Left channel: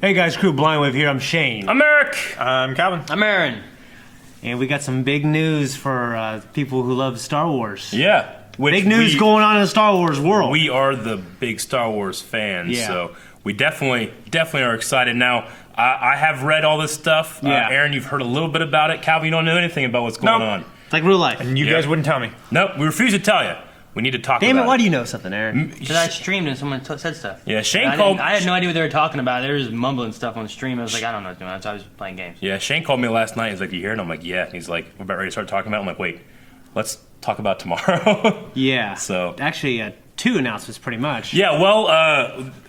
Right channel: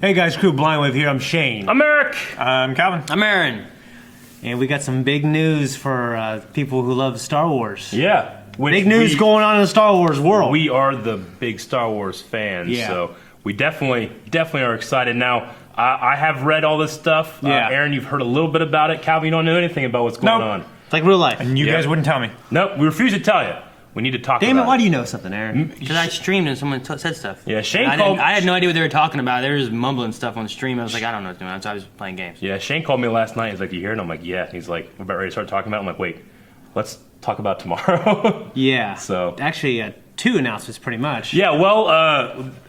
Hey guys, Crew Blind Wave here. I'm Shane. I'm Eric. I'm Calvin. I'm Aaron. And we got some big news for people who love Star Wars. Yeah. Big news going on in the Star Wars world. We are the big Star Wars fans, so we definitely are excited. Now, I have read all this stuff. Aaron, you've heard a little bit about it. Calvin, you don't know anything about what's going on. It's like real life. And you guys wouldn't tell me. Nope, we refuse to tell you. We need to talk Damn about it, why do you know something, Aaron? Because I streamed and someone said stuff. Yeah, Shane I called... I had no idea what they were talking about. They were just mumbling stuff on the stream. I was like, I don't know what they're doing. So I was playing games. Yeah, Shane called me last night. He's like, you hear it? And I'm like, yeah. He's like, we're about ready to start talking about it. I'm like, wait, let's talk about tomorrow. Yeah. So actually, 2 announcements pretty much. Yeah, well,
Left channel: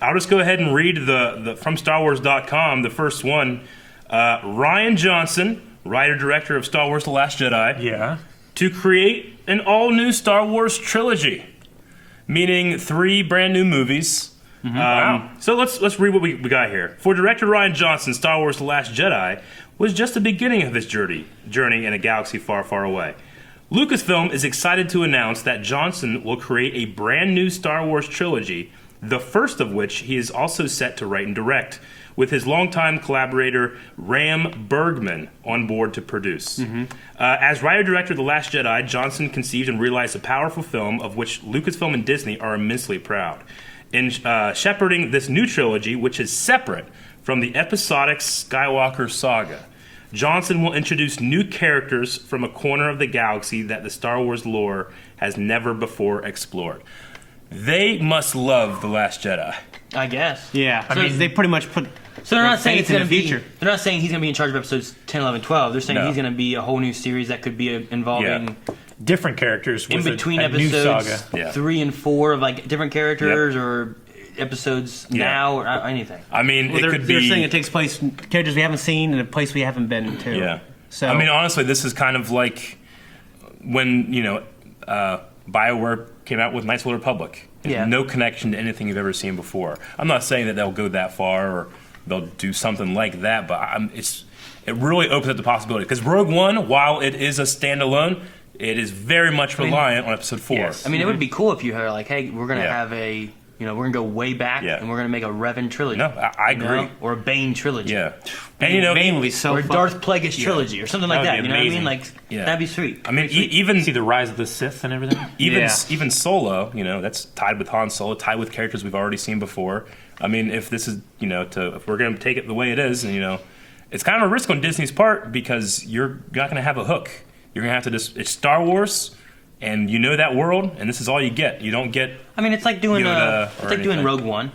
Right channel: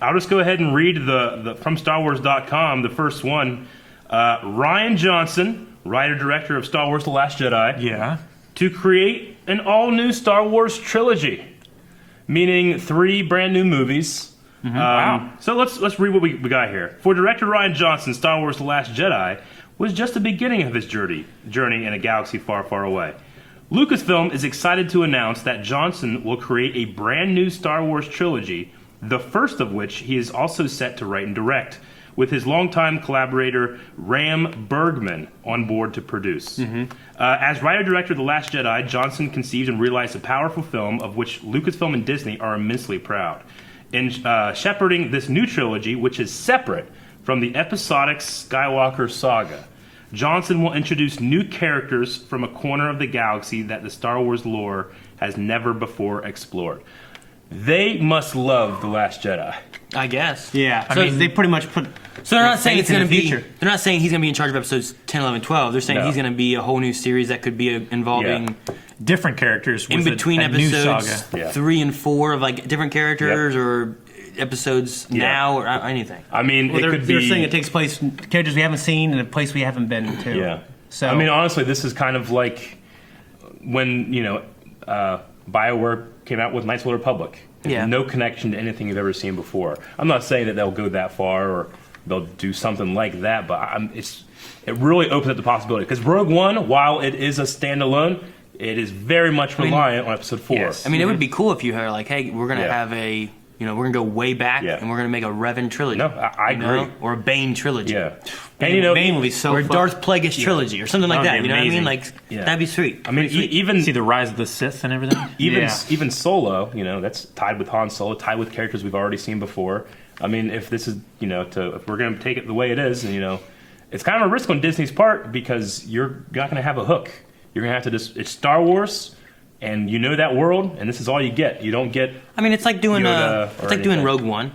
I'll just go ahead and read the from StarWars.com, the first one. Rian Johnson, writer-director of Star Wars The Last Jedi. Yeah. To create an all-new Star Wars trilogy, meaning 3 brand new movies. Wow. So let's read what we got here. For director Rian Johnson, Star Wars The Last Jedi was just the beginning of his journey in a galaxy far, far away. Lucasfilm is excited to announce that Johnson will create a brand new Star Wars trilogy, the first of which he is also set to write and direct, with his longtime collaborator Ram Bergman on board to produce. As writer-director of The Last Jedi, Johnson conceived and realized a powerful film of which Lucasfilm and Disney are immensely proud. In shepherding this new trilogy, which is separate from the episodic Skywalker saga, Johnson will introduce new characters from a corner of the galaxy that the Star Wars lore has never before explored. They must love The Last Jedi. I guess. Yeah. So I mean, they pretty much put. So they're not saying it's going to be. They're They're not saying he's going to be in charge of episodes 10, 11, 12. They're saying he's going to be a whole new series that could be involving different characters in with between a new episodes saga. 3 and 4 of like different characters or episodes now or anything. I mean, Well, it could be. they're saying it takes place in characters we haven't seen and a place we haven't been to. Yeah. So I mean, honestly, this is kind of like when BioWare came out with Knights of the Republic. It's no connection to anything you've ever seen before. I'm not saying that they'll go that far or they'll do something like that, but it really opens up the possibility. Because Rogue One, while it is a standalone, it is very much reliant on Episode 4. Yes. I mean, it would be cool if you had like, hey, we're going to have a. We're going to go way back, and we're going to make a Revan trilogy. No, I agree. Or a Bane trilogy. Yeah. And Bane will be so or Darth Plagueis trilogy, or something like that. You know what I mean? Like, that'd be sweet. I mean, even... See the rise of the Sith and everything? Even Solo, that's tied with Han Solo, tied with characters we've already seen before. I mean, if this is, if we're going to take it the way it is, it's kind of a risk on Disney's part because you're not going to have a hook. You're going to have to just... It's Star Wars... And that world, and this is all you get. You don't get. I mean, it's like doing doing Rogue One.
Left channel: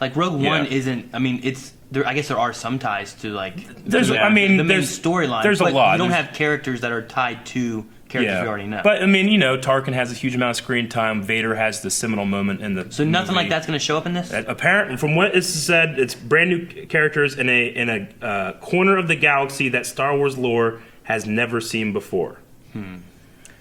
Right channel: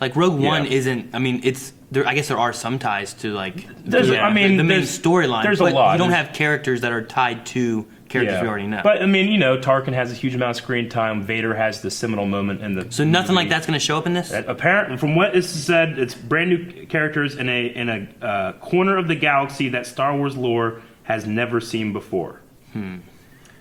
Like Rogue One isn't. I mean, it's. There, I guess there are some ties to like. The main storyline. There's but a lot. You don't have characters that are tied to characters we already know. But I mean, Tarkin has a huge amount of screen time. Vader has the seminal moment in the. So nothing like that's going to show up in this. Apparently, from what is said, it's brand new characters in a corner of the galaxy that Star Wars lore has never seen before.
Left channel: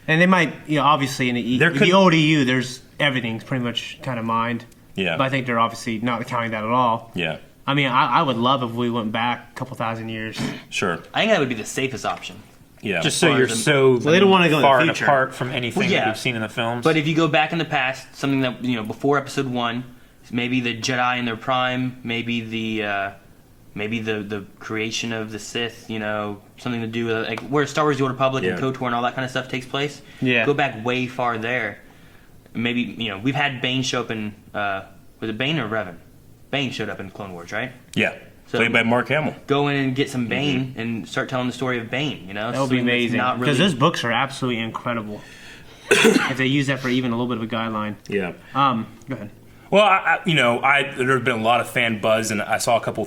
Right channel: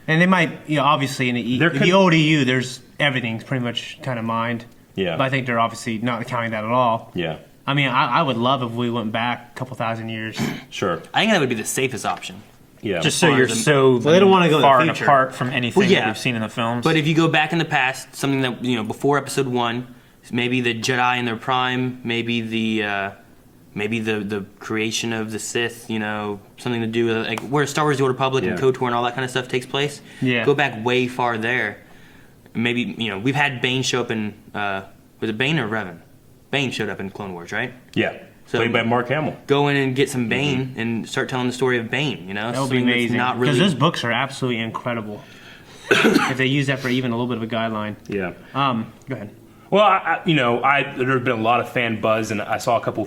And they might, obviously in the old EU, there's everything's pretty much kind of mined. Yeah. But I think they're obviously not counting that at all. Yeah. I mean, I would love if we went back a couple thousand years. Sure. I think that would be the safest option. Yeah. Just so you're they don't want to go far in the and future. apart from anything that we've seen in the films. But if you go back in the past, something that before Episode 1, maybe the Jedi in their prime, maybe the creation of the Sith, something to do with like where Star Wars: The Old Republic and KOTOR and all that kind of stuff takes place. Yeah. Go back way far there. Maybe we've had Bane show up in was it Bane or Revan? Bane showed up in Clone Wars, right? Yeah. So played by Mark Hamill. Go in and get some Bane and start telling the story of Bane. That would be amazing because those books are absolutely incredible. If they use that for even a little bit of a guideline. Yeah. Go ahead. Well, there's been a lot of fan buzz, and I saw a couple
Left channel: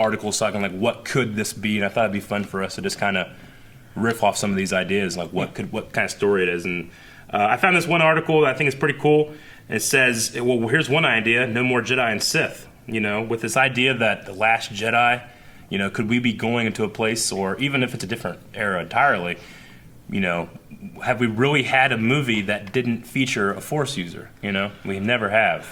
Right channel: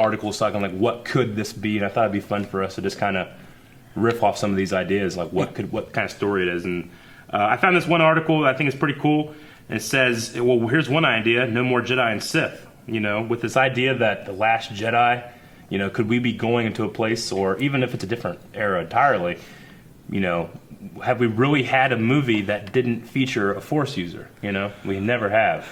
articles talking like, what could this be? And I thought it'd be fun for us to just kind of riff off some of these ideas, like what kind of story it is. And I found this one article that I think is pretty cool. It says, well, here's one idea: no more Jedi and Sith. With this idea that the Last Jedi, could we be going into a place, or even if it's a different era entirely, have we really had a movie that didn't feature a Force user? We never have.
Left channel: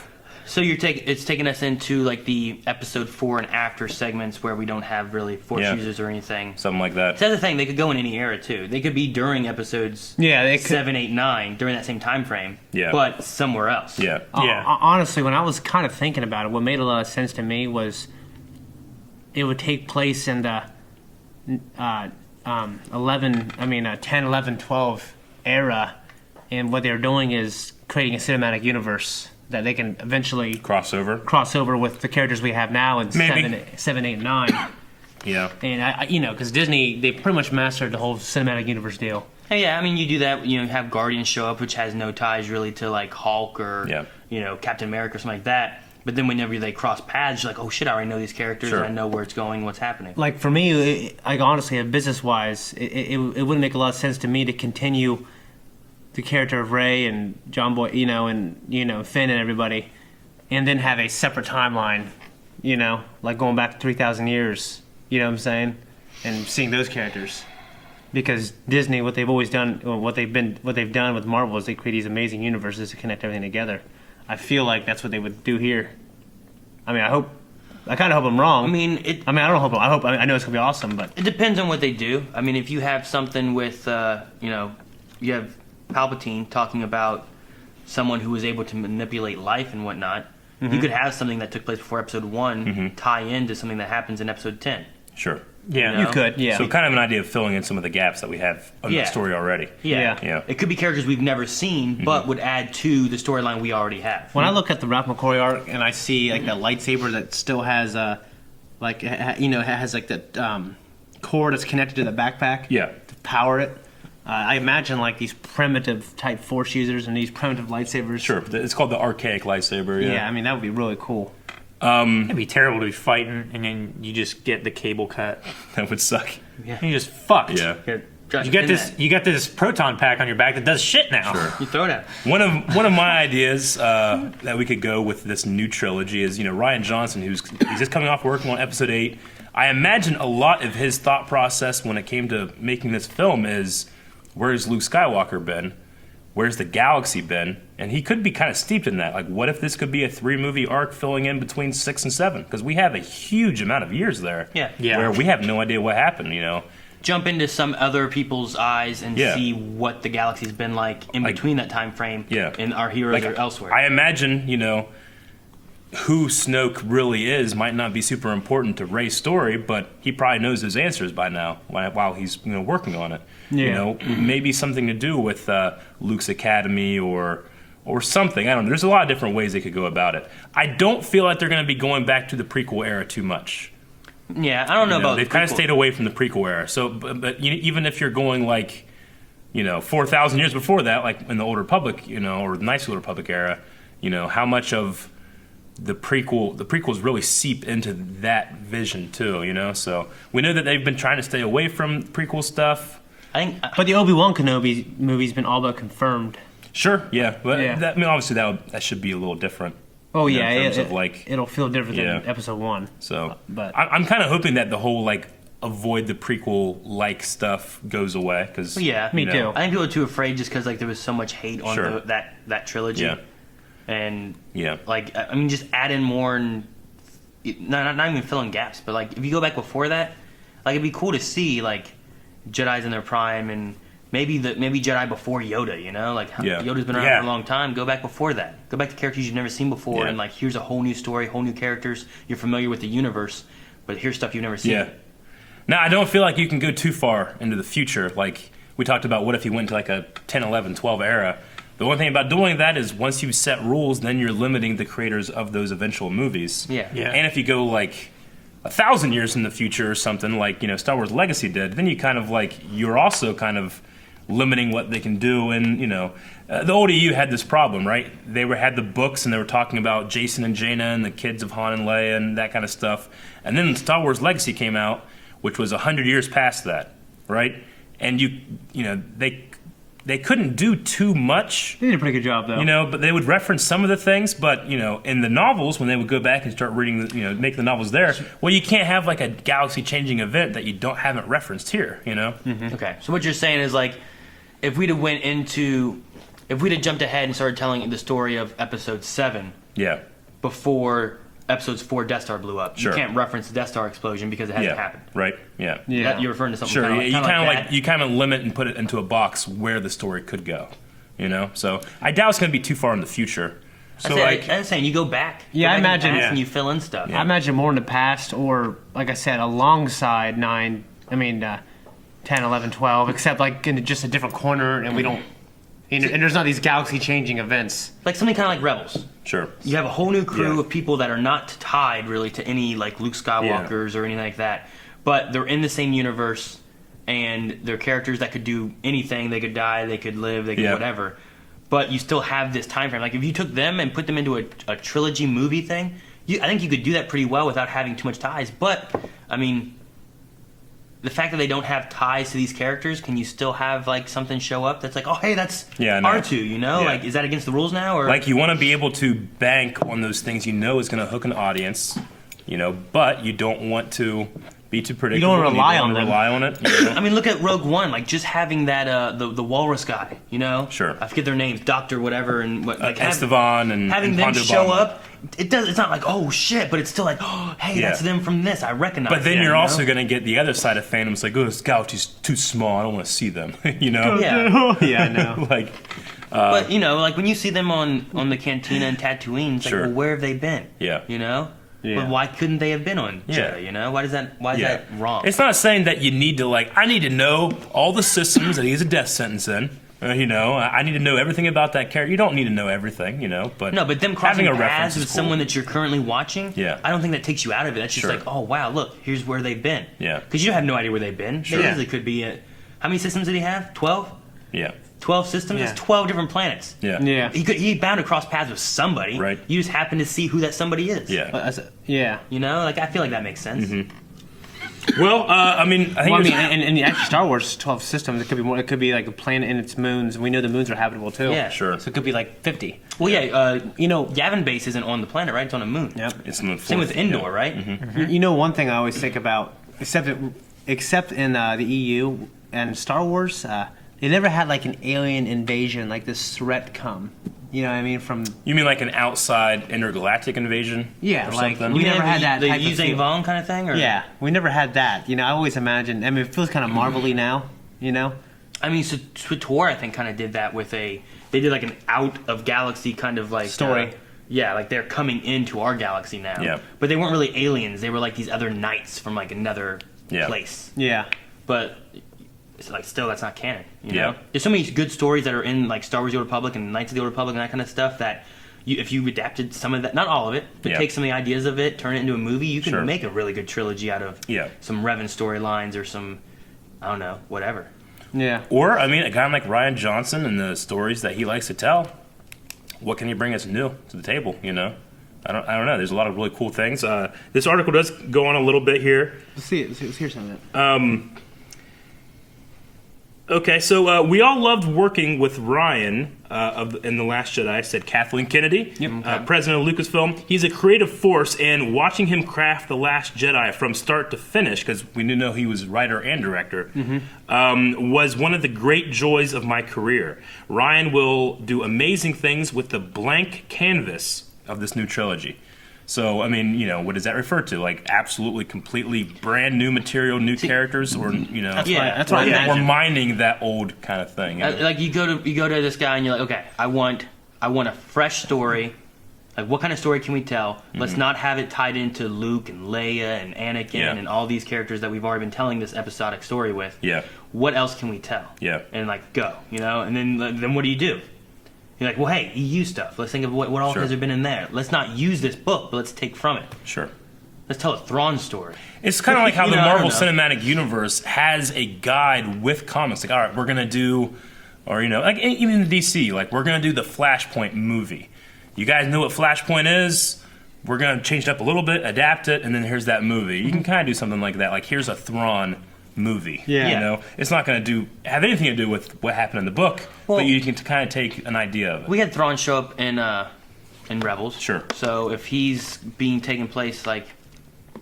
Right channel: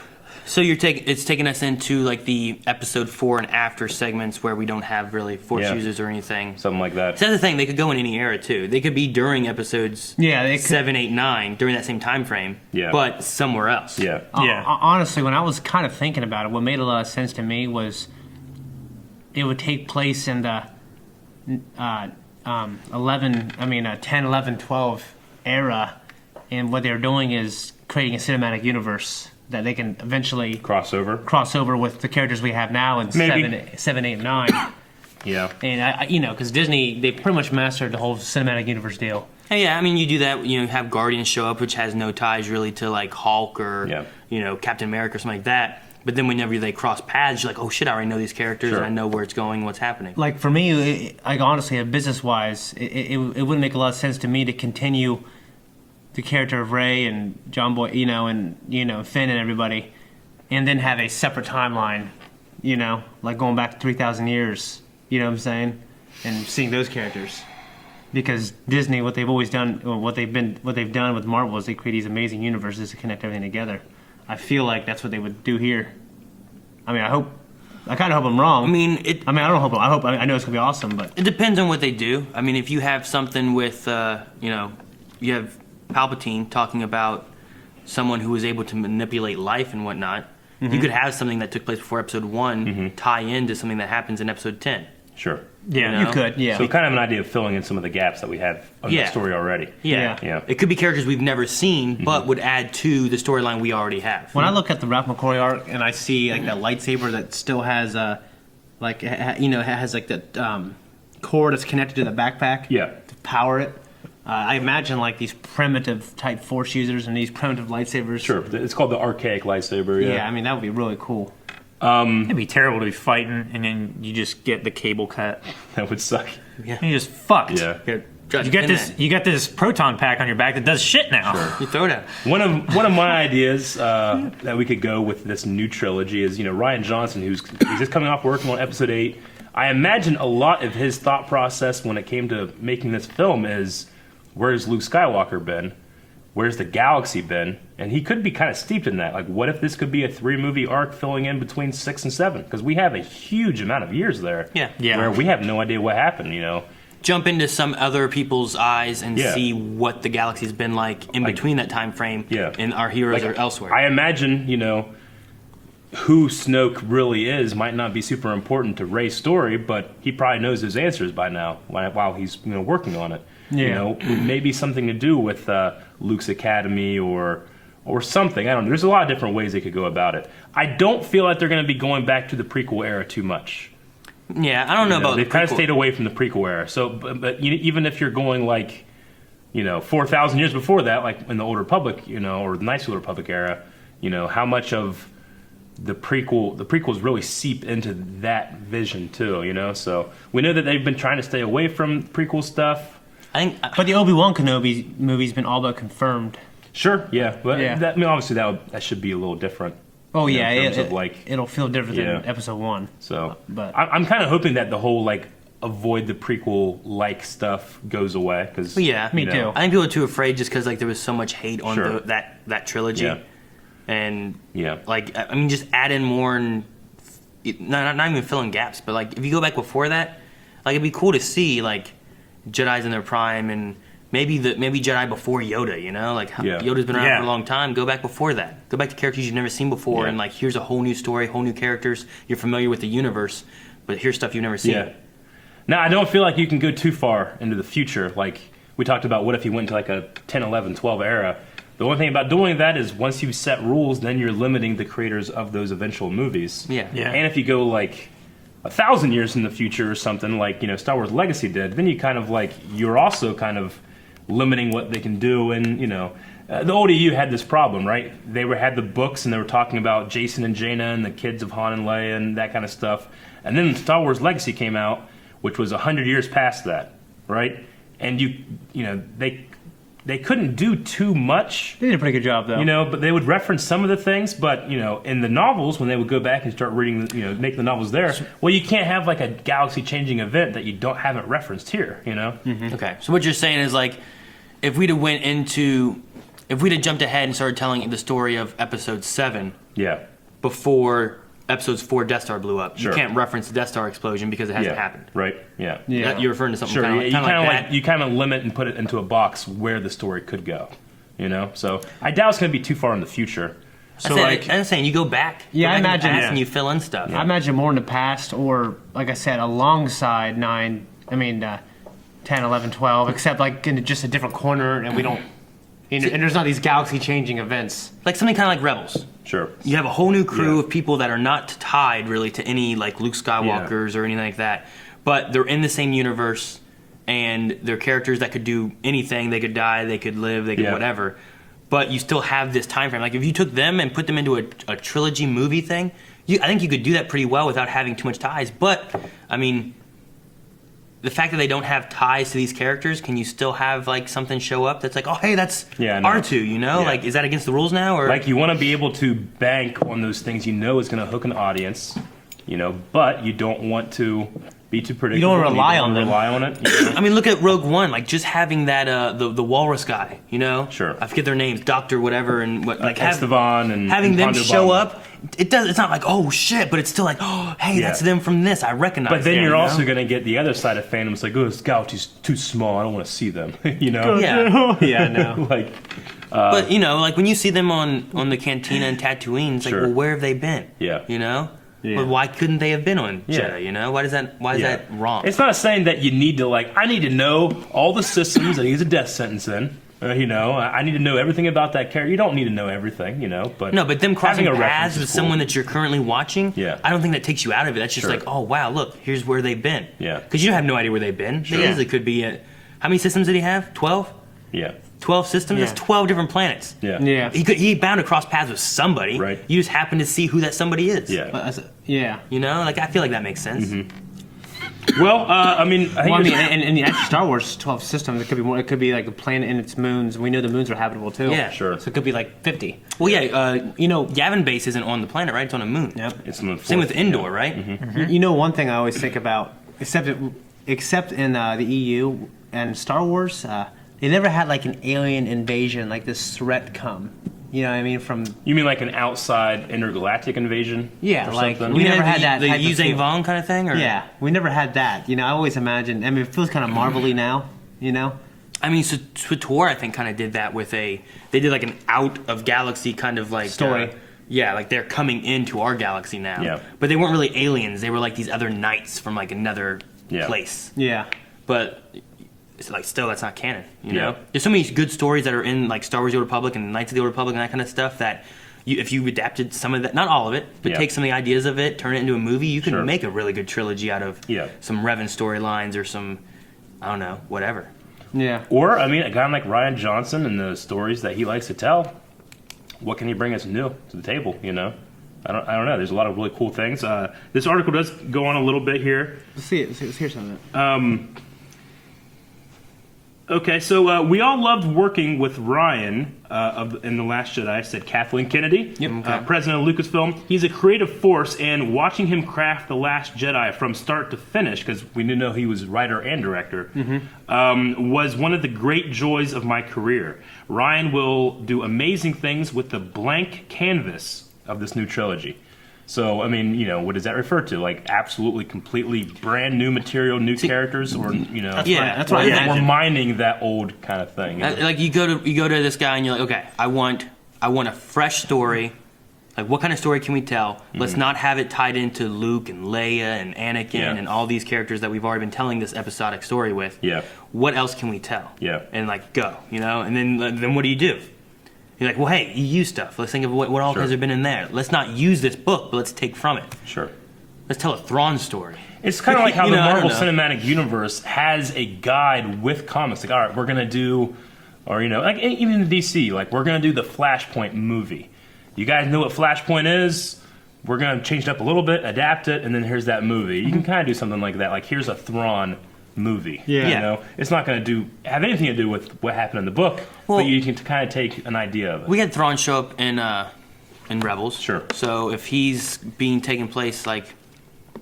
So it's taking us into like the Episode 4 and after segments where we don't have really Force users or anything. Something like that. So that's the thing. They could go in any era too. They could be during episodes 7, 8, 9 during that same time frame. Yeah. But somewhere else. Yeah. Honestly, when I was kind of thinking about it, what made a lot of sense to me was it would take place in the 10, 11, 12 era, and what they're doing is creating a cinematic universe that they can eventually cross over with the characters we have now in Maybe. 7, 8, 9. Yeah. And because Disney, they pretty much mastered the whole cinematic universe deal. Yeah, I mean, you do that. You have Guardians show up, which has no ties really to like Hulk or Captain America or something like that. But then whenever they cross paths, you're like, oh shit, I already know these characters. Sure. And I know where it's going, what's happening. Like for me, honestly, business wise, it wouldn't make a lot of sense to me to continue the character of Rey and John Boy, and Finn and everybody, and then have a separate timeline, like going back 3,000 years. You know what I'm saying? And seeing those characters, because Disney, what they've always done, what they've done with Marvel is they create these amazing universes to connect everything together. I feel like that's what they would do here. I mean, I kind of hope I'm wrong. I know it's gonna be awesome, but it depends on what they do. I mean, if you have something with, you have Palpatine talking about someone who was able to manipulate life and whatnot, you could have something that took place before Episode 1 tie into something that happens in Episode 10. Sure. Yeah. You could, yeah. So kind of an idea of filling in some of the gaps that we have on the story already. Yeah. It could be characters we've never seen, but would add to the storyline we already have. When I look at the Ralph McCoy arc and I see like that lightsaber that still has it has like that cord that's connected to the backpack to power it. I imagine like these primitive type force users and these primitive lightsabers. Sure, it's called the archaic lightsaber. Yeah, I mean that would be really cool. It'd be terrible to be fighting and then you just get the cable cut. That would suck. Yeah. And you just fucked. Yeah. You got this proton pack on your back that does shit now. Sure. You throw it out. One of my ideas that we could go with this new trilogy is Rian Johnson, he's just coming off working on Episode 8. I imagine a lot of his thought process when it came to making this film is, where's Luke Skywalker been? Where's the galaxy been? And he could be kind of steeped in that. Like, what if this could be a 3-movie arc filling in between 6 and 7? Because we have a huge amount of years there. Yeah. Where we have no idea what happened, Jump into some other people's eyes and see what the galaxy's been like in between that time frame. And our heroes are elsewhere. I imagine, who Snoke really is might not be super important to Rey's story, but he probably knows his answers by now while he's working on it. Maybe something to do with Luke's academy or something. I don't know. There's a lot of different ways they could go about it. I don't feel like they're going to be going back to the prequel era too much. Yeah, I don't know about they've kind of stayed away from the prequel era. So, but even if you're going 4,000 years before that, like in the Old Republic, or the Knights of the Old Republic era, how much of the prequels really seep into that vision too, So we know that they've been trying to stay away from prequel stuff. But the Obi-Wan Kenobi movie's been all but confirmed. Sure, yeah, but obviously that should be a little different. Oh yeah, in terms of it'll feel different than Episode 1. So, but I'm kind of hoping that the whole avoid the prequel stuff goes away because me too. I think people are too afraid just because there was so much hate on that trilogy. Yeah. And just add in more and not even fill in gaps, but if you go back before that, it'd be cool to see Jedi's in their prime and maybe Jedi before Yoda, Yoda's been around for a long time. Go back before that. Go back to characters you've never seen before and here's a whole new story, whole new characters. You're familiar with the universe, but here's stuff you've never seen. Yeah. Now, I don't feel like you can go too far into the future. Like we talked about, what if you went to a 10, 11, 12 era? The one thing about doing that is once you set rules, then you're limiting the creators of those eventual movies. Yeah. And if you go 1,000 years in the future or something Star Wars Legacy did, then you kind of you're also kind of limiting what they can do. And the ODU had this problem, right? They had the books and they were talking about Jason and Jaina and the kids of Han and Leia and that kind of stuff. And then Star Wars Legacy came out, which was 100 years past that, right? And they couldn't do too much. They did a pretty good job, though. But they would reference some of the things. But, in the novels, when they would go back and start reading, make the novels there, well, you can't have, a galaxy-changing event that you haven't referenced here, Mm-hmm. Okay. So what you're saying is, if we'd have jumped ahead and started telling the story of Episode 7 before Episodes 4 Death Star blew up, sure. You can't reference the Death Star explosion because it hasn't happened. Right, yeah. You're referring to something sure, kind of you kind of limit and put it into a box where the story could go, So I doubt it's going to be too far in the future. So like, I'm saying you go back. Yeah, I go back in the imagine- past yeah. and you fill in stuff. I imagine more in the past, or like I said, alongside 10, 11, 12, except like in just a different corner, and we don't. And there's not these galaxy-changing events. Like something kind of like Rebels. Sure. You have a whole new crew Yeah. of people that are not tied really to any like Luke Skywalkers or anything like that, but they're in the same universe, and they're characters that could do anything. They could die, they could live, they could whatever. But you still have this time frame. Like if you took them and put them into a trilogy movie thing, I think you could do that pretty well without having too much ties. But I mean, the fact that they don't have ties to these characters, can you still have like something show up that's like, oh hey, that's R2, you know? Yeah. Like, is that against the rules now? Or Like you want to be able to bank on those things you know is going to hook an audience, you know, but you don't want to be too predictable. You don't rely on them. Rely on it. You know? I mean, look at Rogue One. Like just having that the walrus guy, you know? Sure. I forget their names, Doctor whatever, and what like Estevan and having them Hondo show Bamba. up. It's not like oh shit, but it's still like oh hey that's them from this. I recognize. But then them, you're you also know? going to get the other side of fandom. It's like, oh, this galaxy's too small. I don't want to see them. You know? Yeah. Yeah, I know. Like, But you know, like when you see them on the Cantina and Tatooine, it's like, Sure. well, where have they been? Yeah. You know. Yeah. Well, why couldn't they have been on Yeah. Jeddah? You know, why is that wrong? It's not saying that you need to, like, I need to know all the systems that he has a death sentence in. You know, I need to know everything about that character. You don't need to know everything, you know, but No, but them crossing having a paths reference with is cool. someone that you're currently watching, Yeah. I don't think that takes you out of it. That's just Sure. like, oh wow, look, here's where they've been. Yeah. Because you have no idea where they've been. Sure. They easily could be at how many systems did he have? 12? Yeah. 12 systems? Yeah. That's 12 different planets. Yeah. Yeah. He bound to cross paths with somebody. Right. You just happen to see who that somebody is. Yeah. Yeah. You know, like I feel like that makes sense. Mm-hmm. Well, I mean, I think Well, I mean, there's- and actually, Star Wars 12 systems. It could be more. It could be like a planet and its moons, and we know the moons are habitable too. Yeah. Sure. So it could be like 50. Well, yeah, You know. Yavin Base isn't on the planet, right? It's on a moon. Yep. it's in the Same with fourth, Endor, yeah. right? You know, one thing I always think about, except in the EU and Star Wars, they never had like an alien invasion, like this threat come. You know what I mean? From You mean like an outside intergalactic invasion? Yeah, or like, something? we You never mean had that the type of Yuzang feel. Vong kind of thing? Or? Yeah, we never had that. You know, I always imagined. I mean, it feels kind of marvelly now. You know. I mean, so Switor, I think, kind of did that with they did like an out of galaxy kind of like Story. Yeah, like they're coming into our galaxy now. Yeah. But they weren't really aliens. They were like these other knights from like another Yeah. place. Yeah. But it's like still that's not canon. You Yeah. know, there's so many good stories that are in like Star Wars: The Old Republic and Knights of the Old Republic and that kind of stuff that. If you adapted some of that, not all of it, but Yeah. take some of the ideas of it, turn it into a movie, you can Sure. make a really good trilogy out of Yeah. some Revan storylines or some, I don't know, whatever. Yeah. Or, I mean, a guy like Rian Johnson and the stories that he likes to tell, what can he bring us new to the table, you know? I don't know. There's a lot of really cool things. This article does go on a little bit here. Let's see it. Let's hear some of it. Okay, so we all loved working with Ryan in The Last Jedi, said Kathleen Kennedy, president of Lucasfilm. He's a creative force, and watching him craft The Last Jedi from start to finish, because we didn't know he was writer and director, was one of the great joys of my career. Ryan will do amazing things with the blank canvas of this new trilogy. So, I mean, you know, what does that refer to? Like, absolutely, completely brand new material, new characters, or, you know, That's what I or imagine. mining that old kind of thing. You know? Like you go to this guy and you're like, okay, I want a fresh story. Like, what kind of story can we tell? Let's not have it tied into Luke and Leia and Anakin Yeah. and all these characters that we've already been telling this episodic story with. Yeah. What else can we tell? Yeah. And like go, you know. And then what do? You're like, well, hey, EU stuff. Let's think of what all Sure. has been in there. Let's not use this book, but let's take from it. Sure. Let's tell a Thrawn story. It's kind of like how You the know, I don't Marvel know. Cinematic Universe has a guide with comics. Like, all right, we're going to do, or, you know, like even in DC, like, we're going to do the Flashpoint movie. You guys know what Flashpoint is? We're going to change it up a little bit, adapt it, and then here's that movie. You can kind of do something like that. Like, here's a Thrawn movie. Yeah. You know, it's not going to have anything to do with what happened in the book, Well- but you can kind of take an idea of it. We had Thrawn show up in Rebels. Sure. So if he's being taken place, like,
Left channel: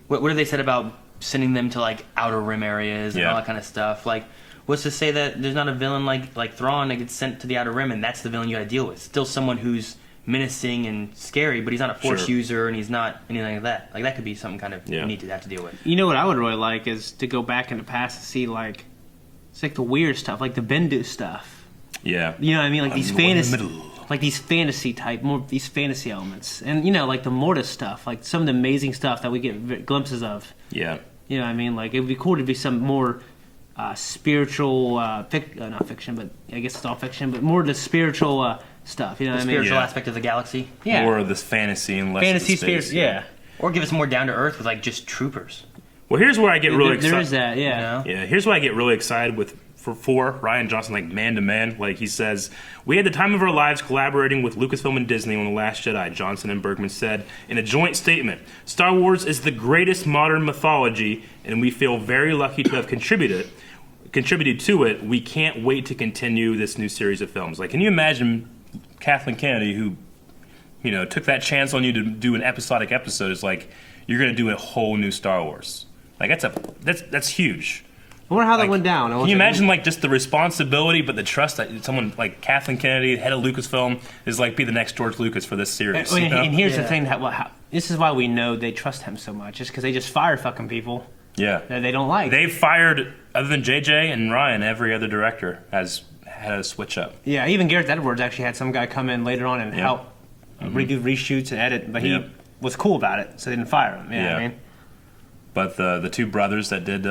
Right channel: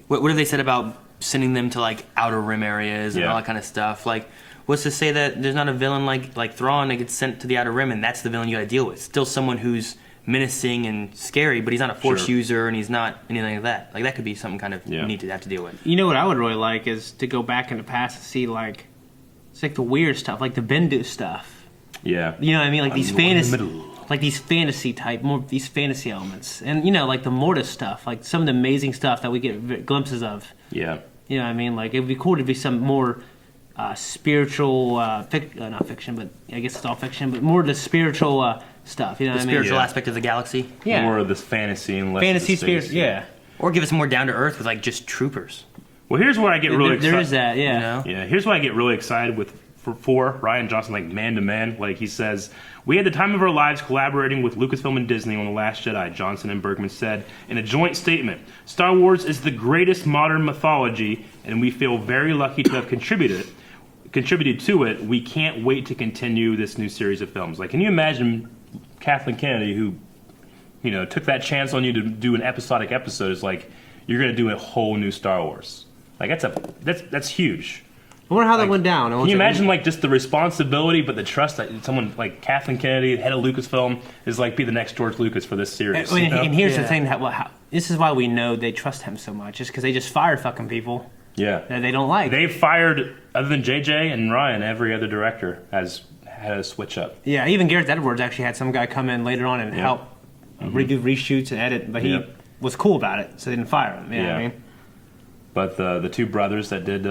what have they said about sending them to like outer rim areas and Yeah. all that kind of stuff? Like, what's to say that there's not a villain like Thrawn that gets sent to the outer rim and that's the villain you got to deal with? Still someone who's menacing and scary, but he's not a Force Sure. user and he's not anything like that. Like, that could be something kind of Yeah. neat to have to deal with. You know what I would really like is to go back in the past and see like, it's like the weird stuff, like the Bendu stuff. Yeah. You know what I mean? Like these fantasy, like these fantasy type, more these fantasy elements, and like the Mortis stuff, like some of the amazing stuff that we get glimpses of. Yeah. You know what I mean? Like it'd be cool to be some more spiritual, not fiction, but I guess it's all fiction, but more the spiritual stuff. You know what I mean? Spiritual Yeah. aspect of the galaxy. Yeah. More of this fantasy and less Fantasy of the space. spirit. Yeah. Or give us more down to earth with like just troopers. Well, here's where I get really There excited. is that. Yeah. You know? Yeah, here's why I get really excited for Rian Johnson, like man to man. Like he says, we had the time of our lives collaborating with Lucasfilm and Disney on The Last Jedi, Johnson and Bergman said in a joint statement. Star Wars is the greatest modern mythology, and we feel very lucky to have contributed to it. We can't wait to continue this new series of films. Like, can you imagine Kathleen Kennedy, who, took that chance on you to do an episodic episode, is like, you're going to do a whole new Star Wars. Like, that's huge. I wonder how that went down. Can you imagine, like, just the responsibility, but the trust that someone like Kathleen Kennedy, head of Lucasfilm, is like be the next George Lucas for this series? And here's the thing this is why we know they trust him so much, is because they just fire fucking people Yeah. that they don't like. They've fired, other than JJ and Ryan, every other director has had a switch up. Yeah, even Gareth Edwards actually had some guy come in later on and help redo reshoots and edit, but he was cool about it, so they didn't fire him. You know what I mean? But the two brothers that did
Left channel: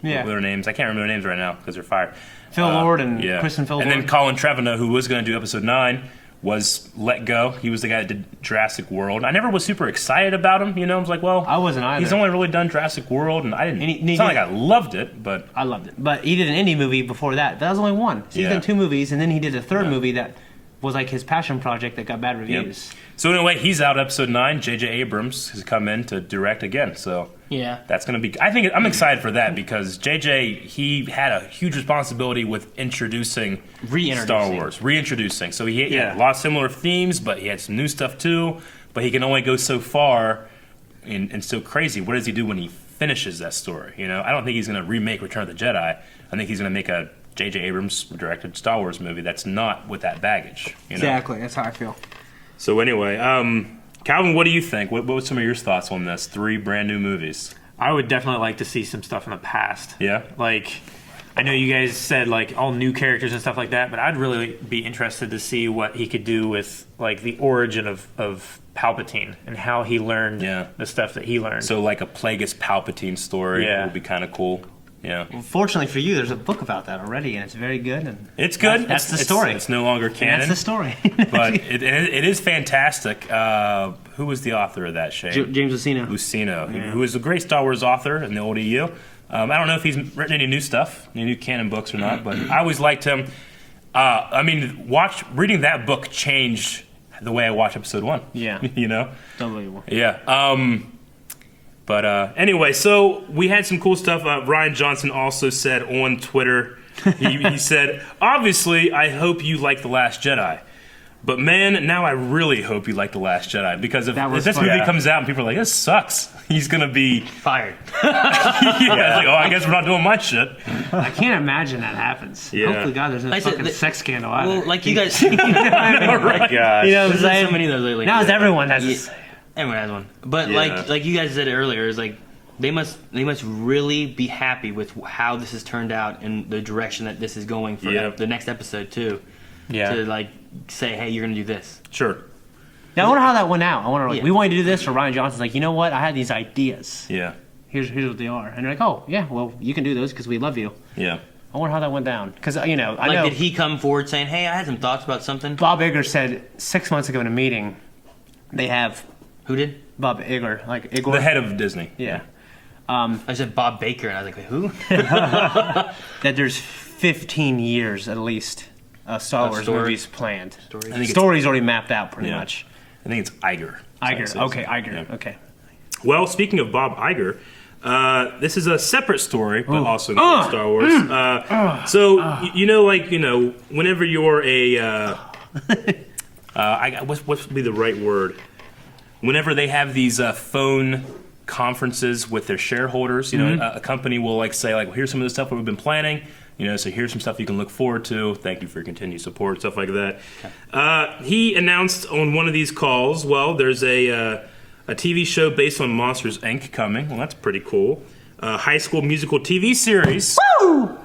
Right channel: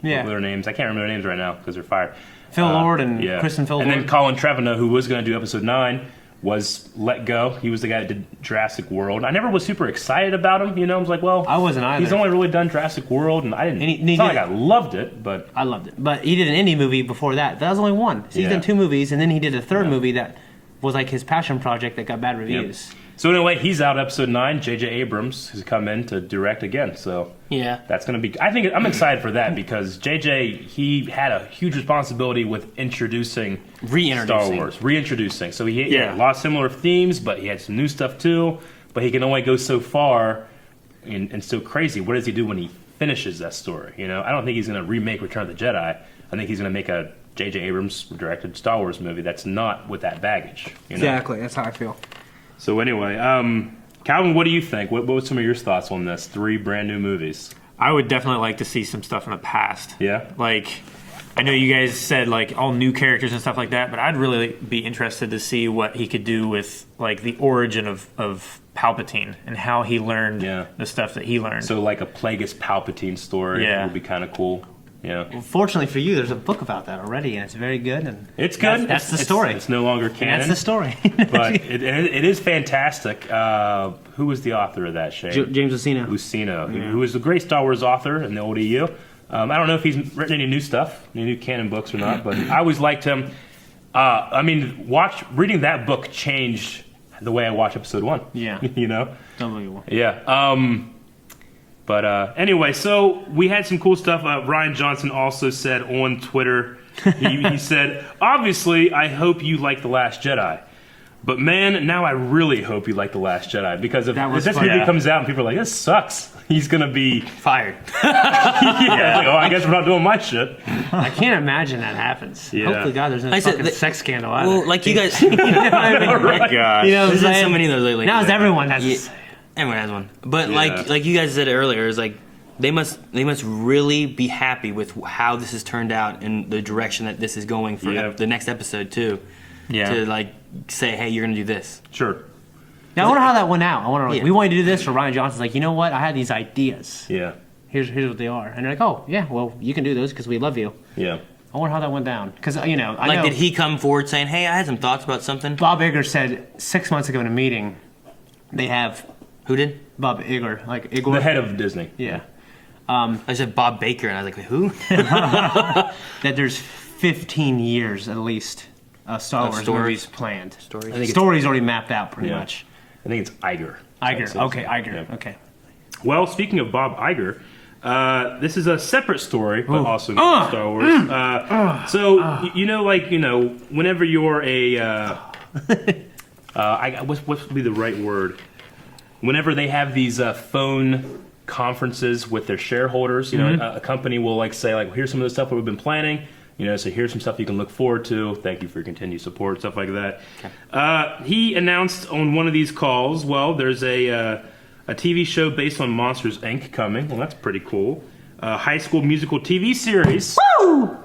what were their names? I can't remember their names right now because they're fired. Phil Lord and Kristen Phil And Lord. then Colin Trevorrow, who was going to do episode 9, was let go. He was the guy that did Jurassic World. I never was super excited about him. I was like, well, I wasn't either. He's only really done Jurassic World, and I didn't. It's not like I loved it, but I loved it. But he did an indie movie before that. That was only one. So he's done 2 movies, and then he did a third movie that was like his passion project that got bad reviews. So in a way, he's out episode 9. J.J. Abrams has come in to direct again. So Yeah. that's going to be. I think I'm excited for that because J.J. he had a huge responsibility with introducing Star Wars, reintroducing. So he had a lot of similar themes, but he had some new stuff too. But he can only go so far, and still crazy. What does he do when he finishes that story? I don't think he's going to remake Return of the Jedi. I think he's going to make a J.J. Abrams directed Star Wars movie that's not with that baggage. Exactly. That's how I feel. So anyway, Calvin, what do you think? What were some of your thoughts on this? 3 brand new movies. I would definitely like to see some stuff in the past. Yeah. Like, I know you guys said like all new characters and stuff like that, but I'd really be interested to see what he could do with like the origin of Palpatine and how he learned the stuff that he learned. So like a Plagueis Palpatine story would be kind of cool. Yeah. Well, fortunately for you, there's a book about that already, and it's very good. And it's good. That's the story. It's no longer canon. That's the story. But it is fantastic. Who was the author of that, Shane? James Luceno. Who is a great Star Wars author in the old EU. I don't know if he's written any new stuff, any new canon books or not, but I always liked him. Reading that book changed the way I watch episode 1. Yeah. Unbelievable. Yeah. But anyway, so we had some cool stuff. Rian Johnson also said on Twitter, he said, obviously, I hope you like The Last Jedi. But man, now I really hope you like The Last Jedi. Because if this movie comes out and people are like, this sucks, he's going to be fired. I guess we're not doing my shit. I can't imagine that happens. Yeah. Hopefully, God, there's no fucking sex scandal either. Well, like you guys, Oh my God. You know what I'm there's saying? so many of those lately. Now everyone has Everyone has one. But Yeah. like you guys said earlier, it's like they must really be happy with how this has turned out and the direction that this is going for the next episode too. Yeah. To like say, hey, you're gonna do this. Sure. Now, I wonder how that went out. I wonder, we wanted to do this, or Rian Johnson's like, you know what? I had these ideas. Yeah. Here's what they are. And they're like, oh, yeah, well, you can do those because we love you. Yeah. I wonder how that went down. Because, I know. Did he come forward saying, hey, I had some thoughts about something? Bob Iger said 6 months ago in a meeting, they have Who did? Bob Iger, like Igor. The head of Disney. Yeah. I said Bob Baker, and I was like, wait, who? That there's 15 years at least of Star Wars story. movies planned. Story's already mapped out pretty much. I think it's Iger. Iger. Okay, Iger. Yeah. Okay. Well, speaking of Bob Iger, this is a seperate story, but also includes Star Wars. Whenever you're a, what would be the right word? Whenever they have these phone conferences with their shareholders, a company will say, here's some of the stuff that we've been planning. So here's some stuff you can look forward to. Thank you for your continued support, stuff like that. Okay. He announced on one of these calls, there's a TV show based on Monsters, Inc. coming. Well, that's pretty cool. High School Musical TV series. Woo!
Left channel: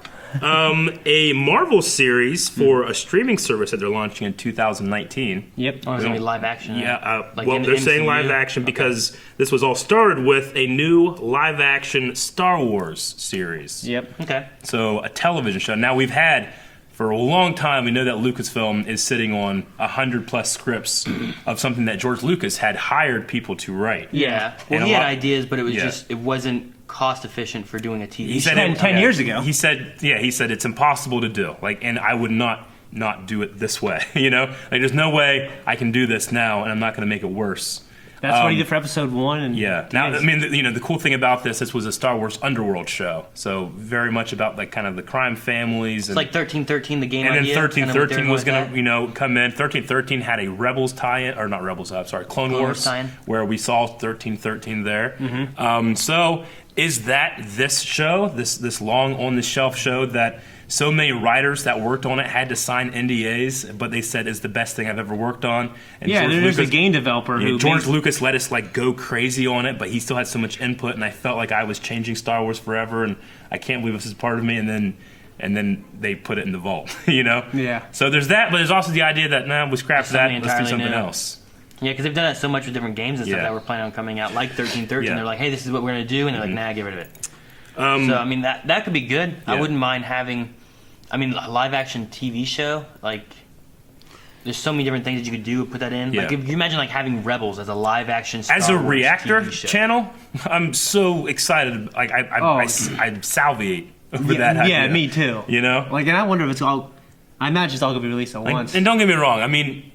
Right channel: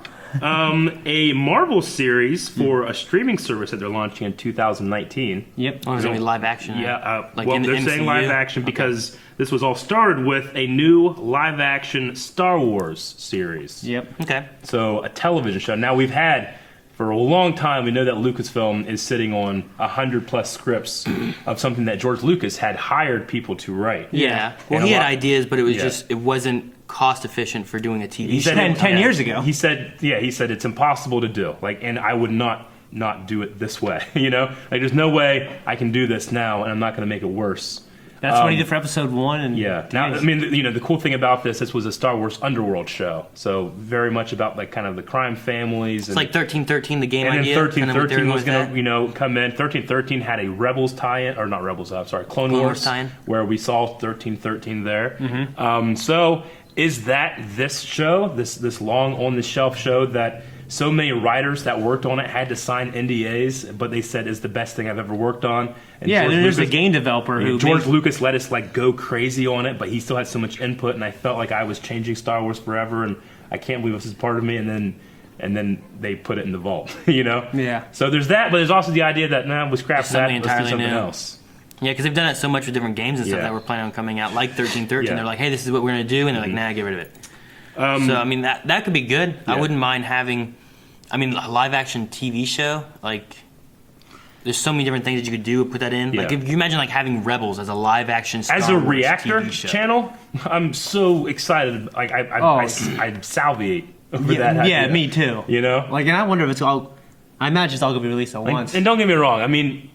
A Marvel series for a streaming service that they're launching in 2019. Yep. Oh, it's gonna be live action. Yeah, Like well, in the they're saying MCU? live action because this was all started with a new live action Star Wars series. Yep. Okay. So a television show. Now we've had for a long time. We know that Lucasfilm is sitting on 100+ scripts of something that George Lucas had hired people to write. Yeah. Well, And he a had lot- ideas, but it was Yeah. just it wasn't cost efficient for doing a TV He show. said 10 years ago. He said it's impossible to do. Like, and I would not do it this way. You know, like there's no way I can do this now, and I'm not going to make it worse. That's what he did for episode 1. And Yeah. Now, I mean, the cool thing about this was a Star Wars underworld show, so very much about like kind of the crime families. It's like 1313, the game and then idea. 1313 was going going to come in. 1313 had a Rebels tie-in, or not Rebels, sorry, Clone Wars tie-in. where we saw 1313 there. Mm-hmm. So is that this show, this long on the shelf show that so many writers that worked on it had to sign NDAs, but they said is the best thing I've ever worked on? And yeah, George there's a Lucas- game developer who George makes- Lucas let us like go crazy on it, but he still had so much input, and I felt like I was changing Star Wars forever, and I can't believe this is part of me. And then they put it in the vault, you know. Yeah. So there's that, but there's also the idea that we scrap that, Something let's do entirely something new. else. Yeah, because they've done it so much with different games and stuff Yeah. that were planning on coming out, like 1313. Yeah. They're like, hey, this is what we're going to do, and they're like, nah, get rid of it. So, I mean, that could be good. I Yeah. wouldn't mind having, a live-action TV show. Like, there's so many different things that you could do. Put that in. Yeah. Like, if you imagine like having Rebels as a live-action Star As a Wars reactor TV show. channel, I'm so excited. Like I salivate over that yeah, idea. me too. You know, Like, and I wonder if it's all. I imagine it's all gonna be released at once. and don't get me wrong. I mean,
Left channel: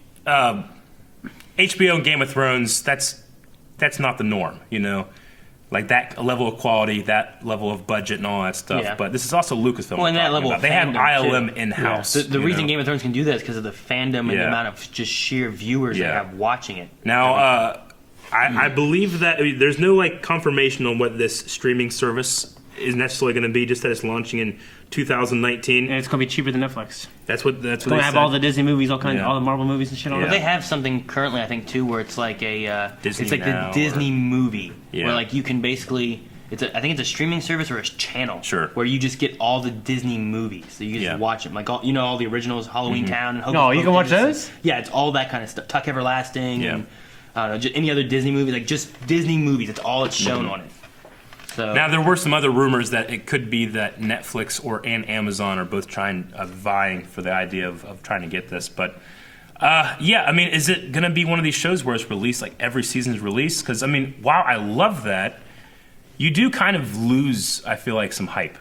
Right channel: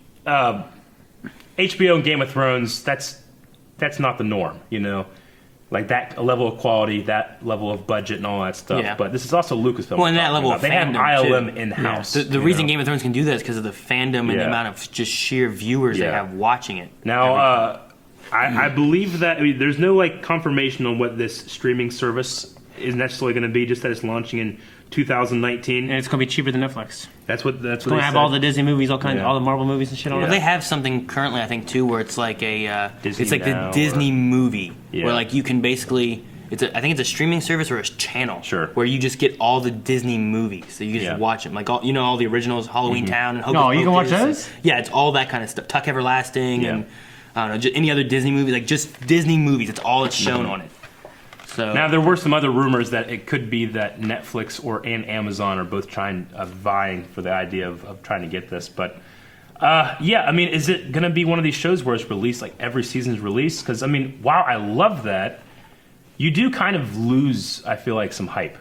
HBO and Game of Thrones. That's not the norm. You know. Like that level of quality, that level of budget, and all that stuff. Yeah. But this is also Lucasfilm. Well, and we're that talking level about. of They have fandom, ILM too. in house. The reason Game of Thrones can do that is because of the fandom and Yeah. the amount of just sheer viewers they Yeah. have watching it. Now, I believe that there's no like confirmation on what this streaming service is necessarily going to be. Just that it's launching in 2019. and it's gonna be cheaper than Netflix. That's what It's they gonna have said. all the Disney movies, all kinds, Yeah. all the Marvel movies and shit. All Yeah. But that. they have something currently, I think, too, where it's like a Disney it's like Now the Disney movie, Yeah. where like you can basically, I think it's a streaming service or a channel, Sure. where you just get all the Disney movies, so you just Yeah. watch them, like all the originals, Halloween Town, and Hocus Oh, you can watch Pocus, and- those? Yeah, it's all that kind of stuff. Tuck Everlasting, Yeah. and I don't know, just any other Disney movie, like just Disney movies. That's all it's shown on it. So Now there were some other rumors that it could be that Netflix and Amazon are both vying for the idea of trying to get this. But yeah, I mean, is it going to be one of these shows where it's released like every season's released? Because I mean, while I love that, you do kind of lose, I feel like, some hype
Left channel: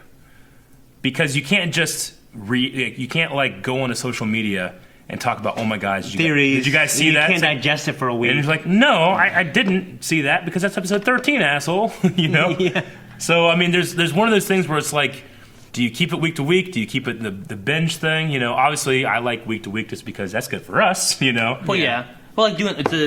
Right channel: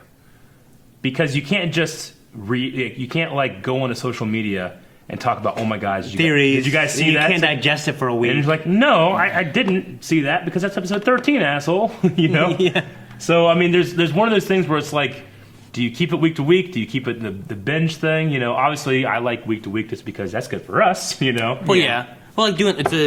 because you can't just you can't like go onto social media and talk about, oh my God, Theories. did you guys see and that? You can't It's like- digest it for a and week. he's like, no, I didn't see that because that's episode 13, asshole. You know? Yeah. So, I mean, there's one of those things where it's like, do you keep it week to week? Do you keep it the binge thing? You know, obviously, I like week to week just because that's good for us, you know? Well, yeah. Well, like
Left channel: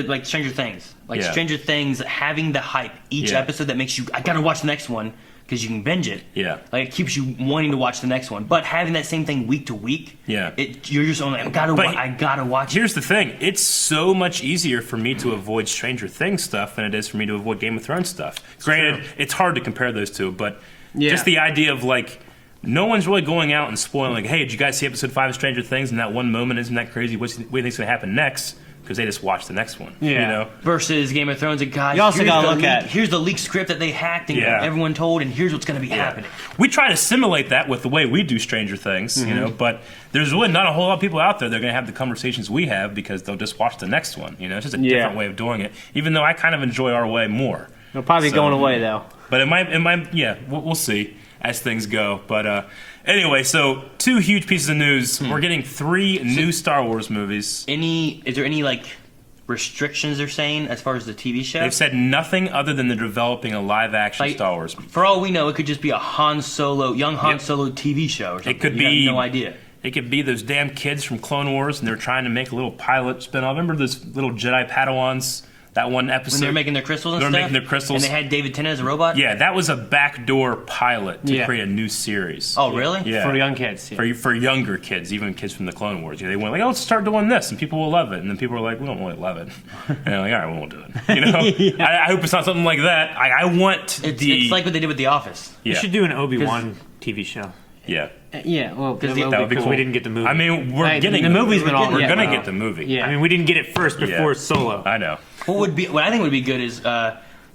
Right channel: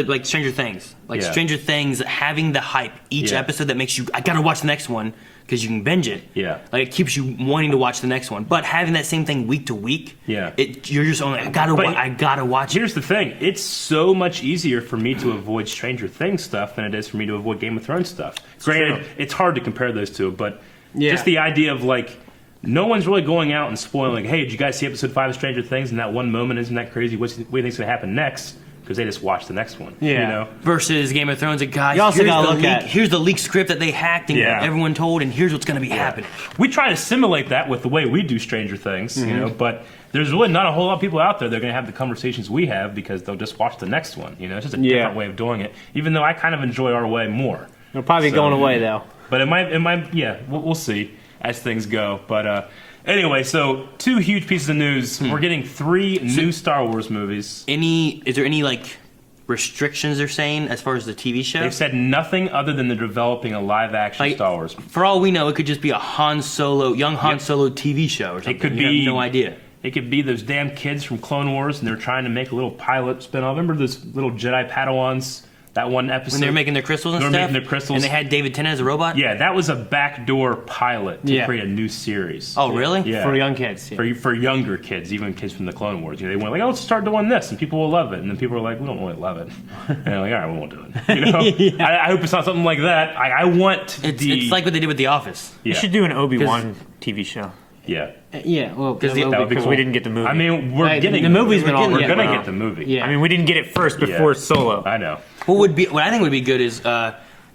like Stranger Things. Like Yeah. Stranger Things, having the hype each Yeah. episode that makes you, I gotta watch the next one because you can binge it. Yeah. Like it keeps you wanting to watch the next one. But having that same thing week to week, Yeah. you're just only, I gotta watch it. Here's the thing. It's so much easier for me to avoid Stranger Things stuff than it is for me to avoid Game of Thrones stuff. Granted, it's hard to compare those two, but Yeah. just the idea of, like, no one's really going out and spoiling, like, hey, did you guys see episode 5 of Stranger Things? And that one moment, isn't that crazy? What do you think's going to happen next? Because they just watched the next one. Yeah. You know? Versus Game of Thrones, like, guys, You also here's gotta the look leak- at- here's the leaked script that they hacked and Yeah. everyone told, and here's what's gonna be happening. We try to simulate that with the way we do Stranger Things, you know, but there's really not a whole lot of people out there that are going to have the conversations we have because they'll just watch the next one. You know, it's just a Yeah. different way of doing it, even though I kind of enjoy our way more. It'll probably be So- going away though. But it might, yeah, we'll see as things go. But anyway, so 2 huge pieces of news. We're getting 3 new Star Wars movies. Is there any, like, restrictions they're saying as far as the TV show? They've said nothing other than they're developing a live-action Like, Star Wars. For all we know, it could just be a young Han Solo TV show or something. It could You be have no idea. It could be those damn kids from Clone Wars, and they're trying to make a little pilot spin-off. Remember those little Jedi Padawans? That one episode When they were making their crystals and They were stuff? making their crystals. And they had David Tennant as a robot? Yeah, that was a backdoor pilot to Yeah. create a new series. Oh, really? Yeah. For young kids. Yeah. For younger kids, even kids from the Clone Wars. You know, they went like, oh, let's start doing this, and people will love it. And then people were like, we don't really love it. And they're like, all right, we won't do it. You know? I hope it's not something like that. I want It's like what they did with The Office. Yeah. You should do an Obi-Wan TV show. Yeah. Yeah, well, Because that that would be Because cool. we didn't get the movie. I mean, we're Right, getting the movie's been on We're yet, gonna though. get the movie. Yeah. I mean, we didn't get it first before Solo. I know. what I think would be good is.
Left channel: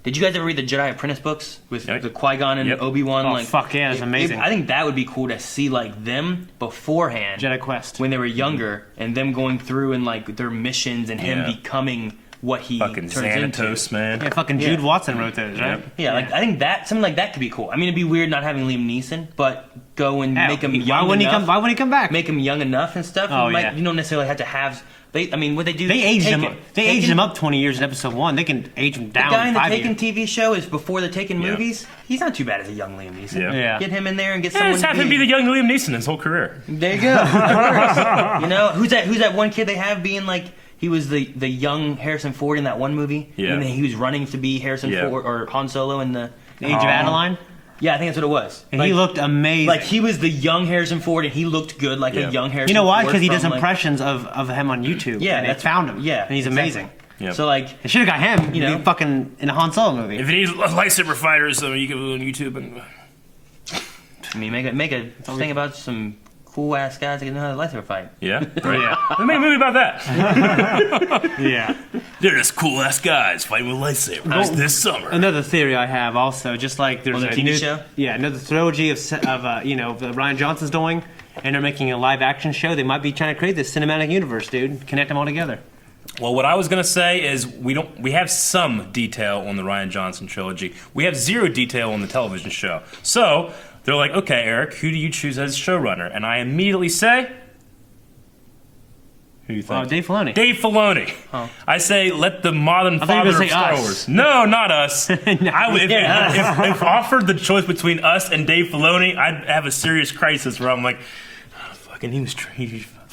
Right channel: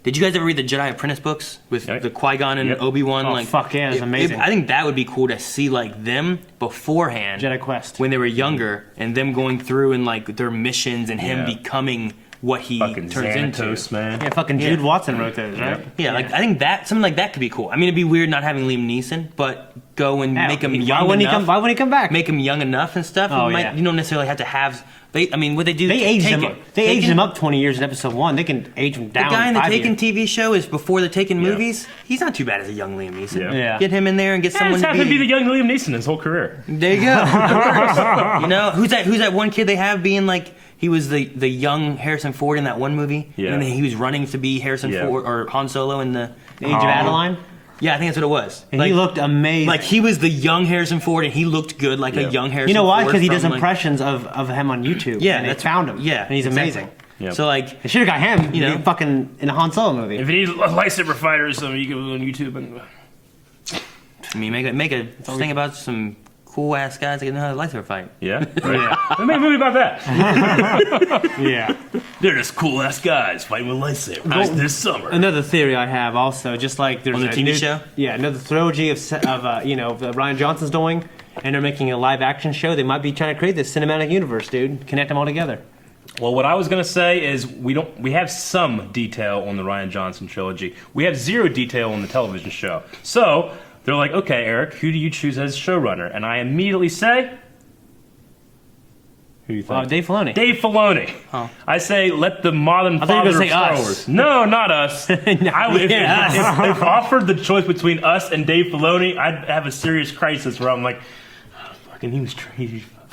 Did you guys ever read the Jedi Apprentice books with Yep. the Qui-Gon and Yep. Obi-Wan? Oh, fuck yeah, it's amazing. I think that would be cool to see like them beforehand, Jedi Quest. when they were younger, and them going through and like their missions and him Yeah. becoming what he Fucking turns into. Xanatos, man. Yeah, fucking Jude Watson wrote those, right? Yeah, like I think that something like that could be cool. I mean, it'd be weird not having Liam Neeson, but go and Yeah, make him why young wouldn't enough. Why wouldn't he come back? Make him young enough and stuff. Oh, You yeah. You don't necessarily have to have. I mean, what they do? They aged him. Taken. They aged Taken- him up 20 years in episode 1. They can age him The down. guy in the 5 Taken years. TV show is before the Taken Yeah. movies. He's not too bad as a young Liam Neeson. Yeah. Yeah. Get him in there and get Yeah, someone just to have him be the young Liam Neeson his whole career. There you go. You know, who's that one kid they have being like he was the young Harrison Ford in that one movie? Yeah. And then he was running to be Harrison Yeah. Ford or Han Solo in the The Age of Adeline. Yeah, I think that's what it was. And he looked amazing. like he was the young Harrison Ford and he looked good like Yeah. a young Harrison you know why? Ford Because he does from, like- impressions of him on YouTube. Yeah, and they that's found him. Yeah. And he's exactly. amazing. Yeah. So like They should have got him. You know? Fucking in a Han Solo movie. If it needs lightsaber fighters, so you can go on YouTube and. I mean make a thing about some cool ass guys that can know how to lightsaber fight. Yeah, right. We made a movie about that. Yeah. They're just cool ass guys fighting with lightsabers this summer. Another theory I have also, just like there's On the a TV new, show? Yeah, another trilogy of that Rian Johnson's doing, and they're making a live action show. They might be trying to create this cinematic universe, dude. Connect them all together. Well, what I was gonna say is we have some detail on the Rian Johnson trilogy. We have zero detail on the television show. So they're like, okay, Eric, who do you choose as showrunner? And I immediately say, who do you think? Dave Filoni. Dave Filoni. Oh. I say let the modern thought you were father gonna of say Star us. Wars. No, not us. If offered the choice between us and Dave Filoni, I'd have a serious crisis where I'm like, oh, fucking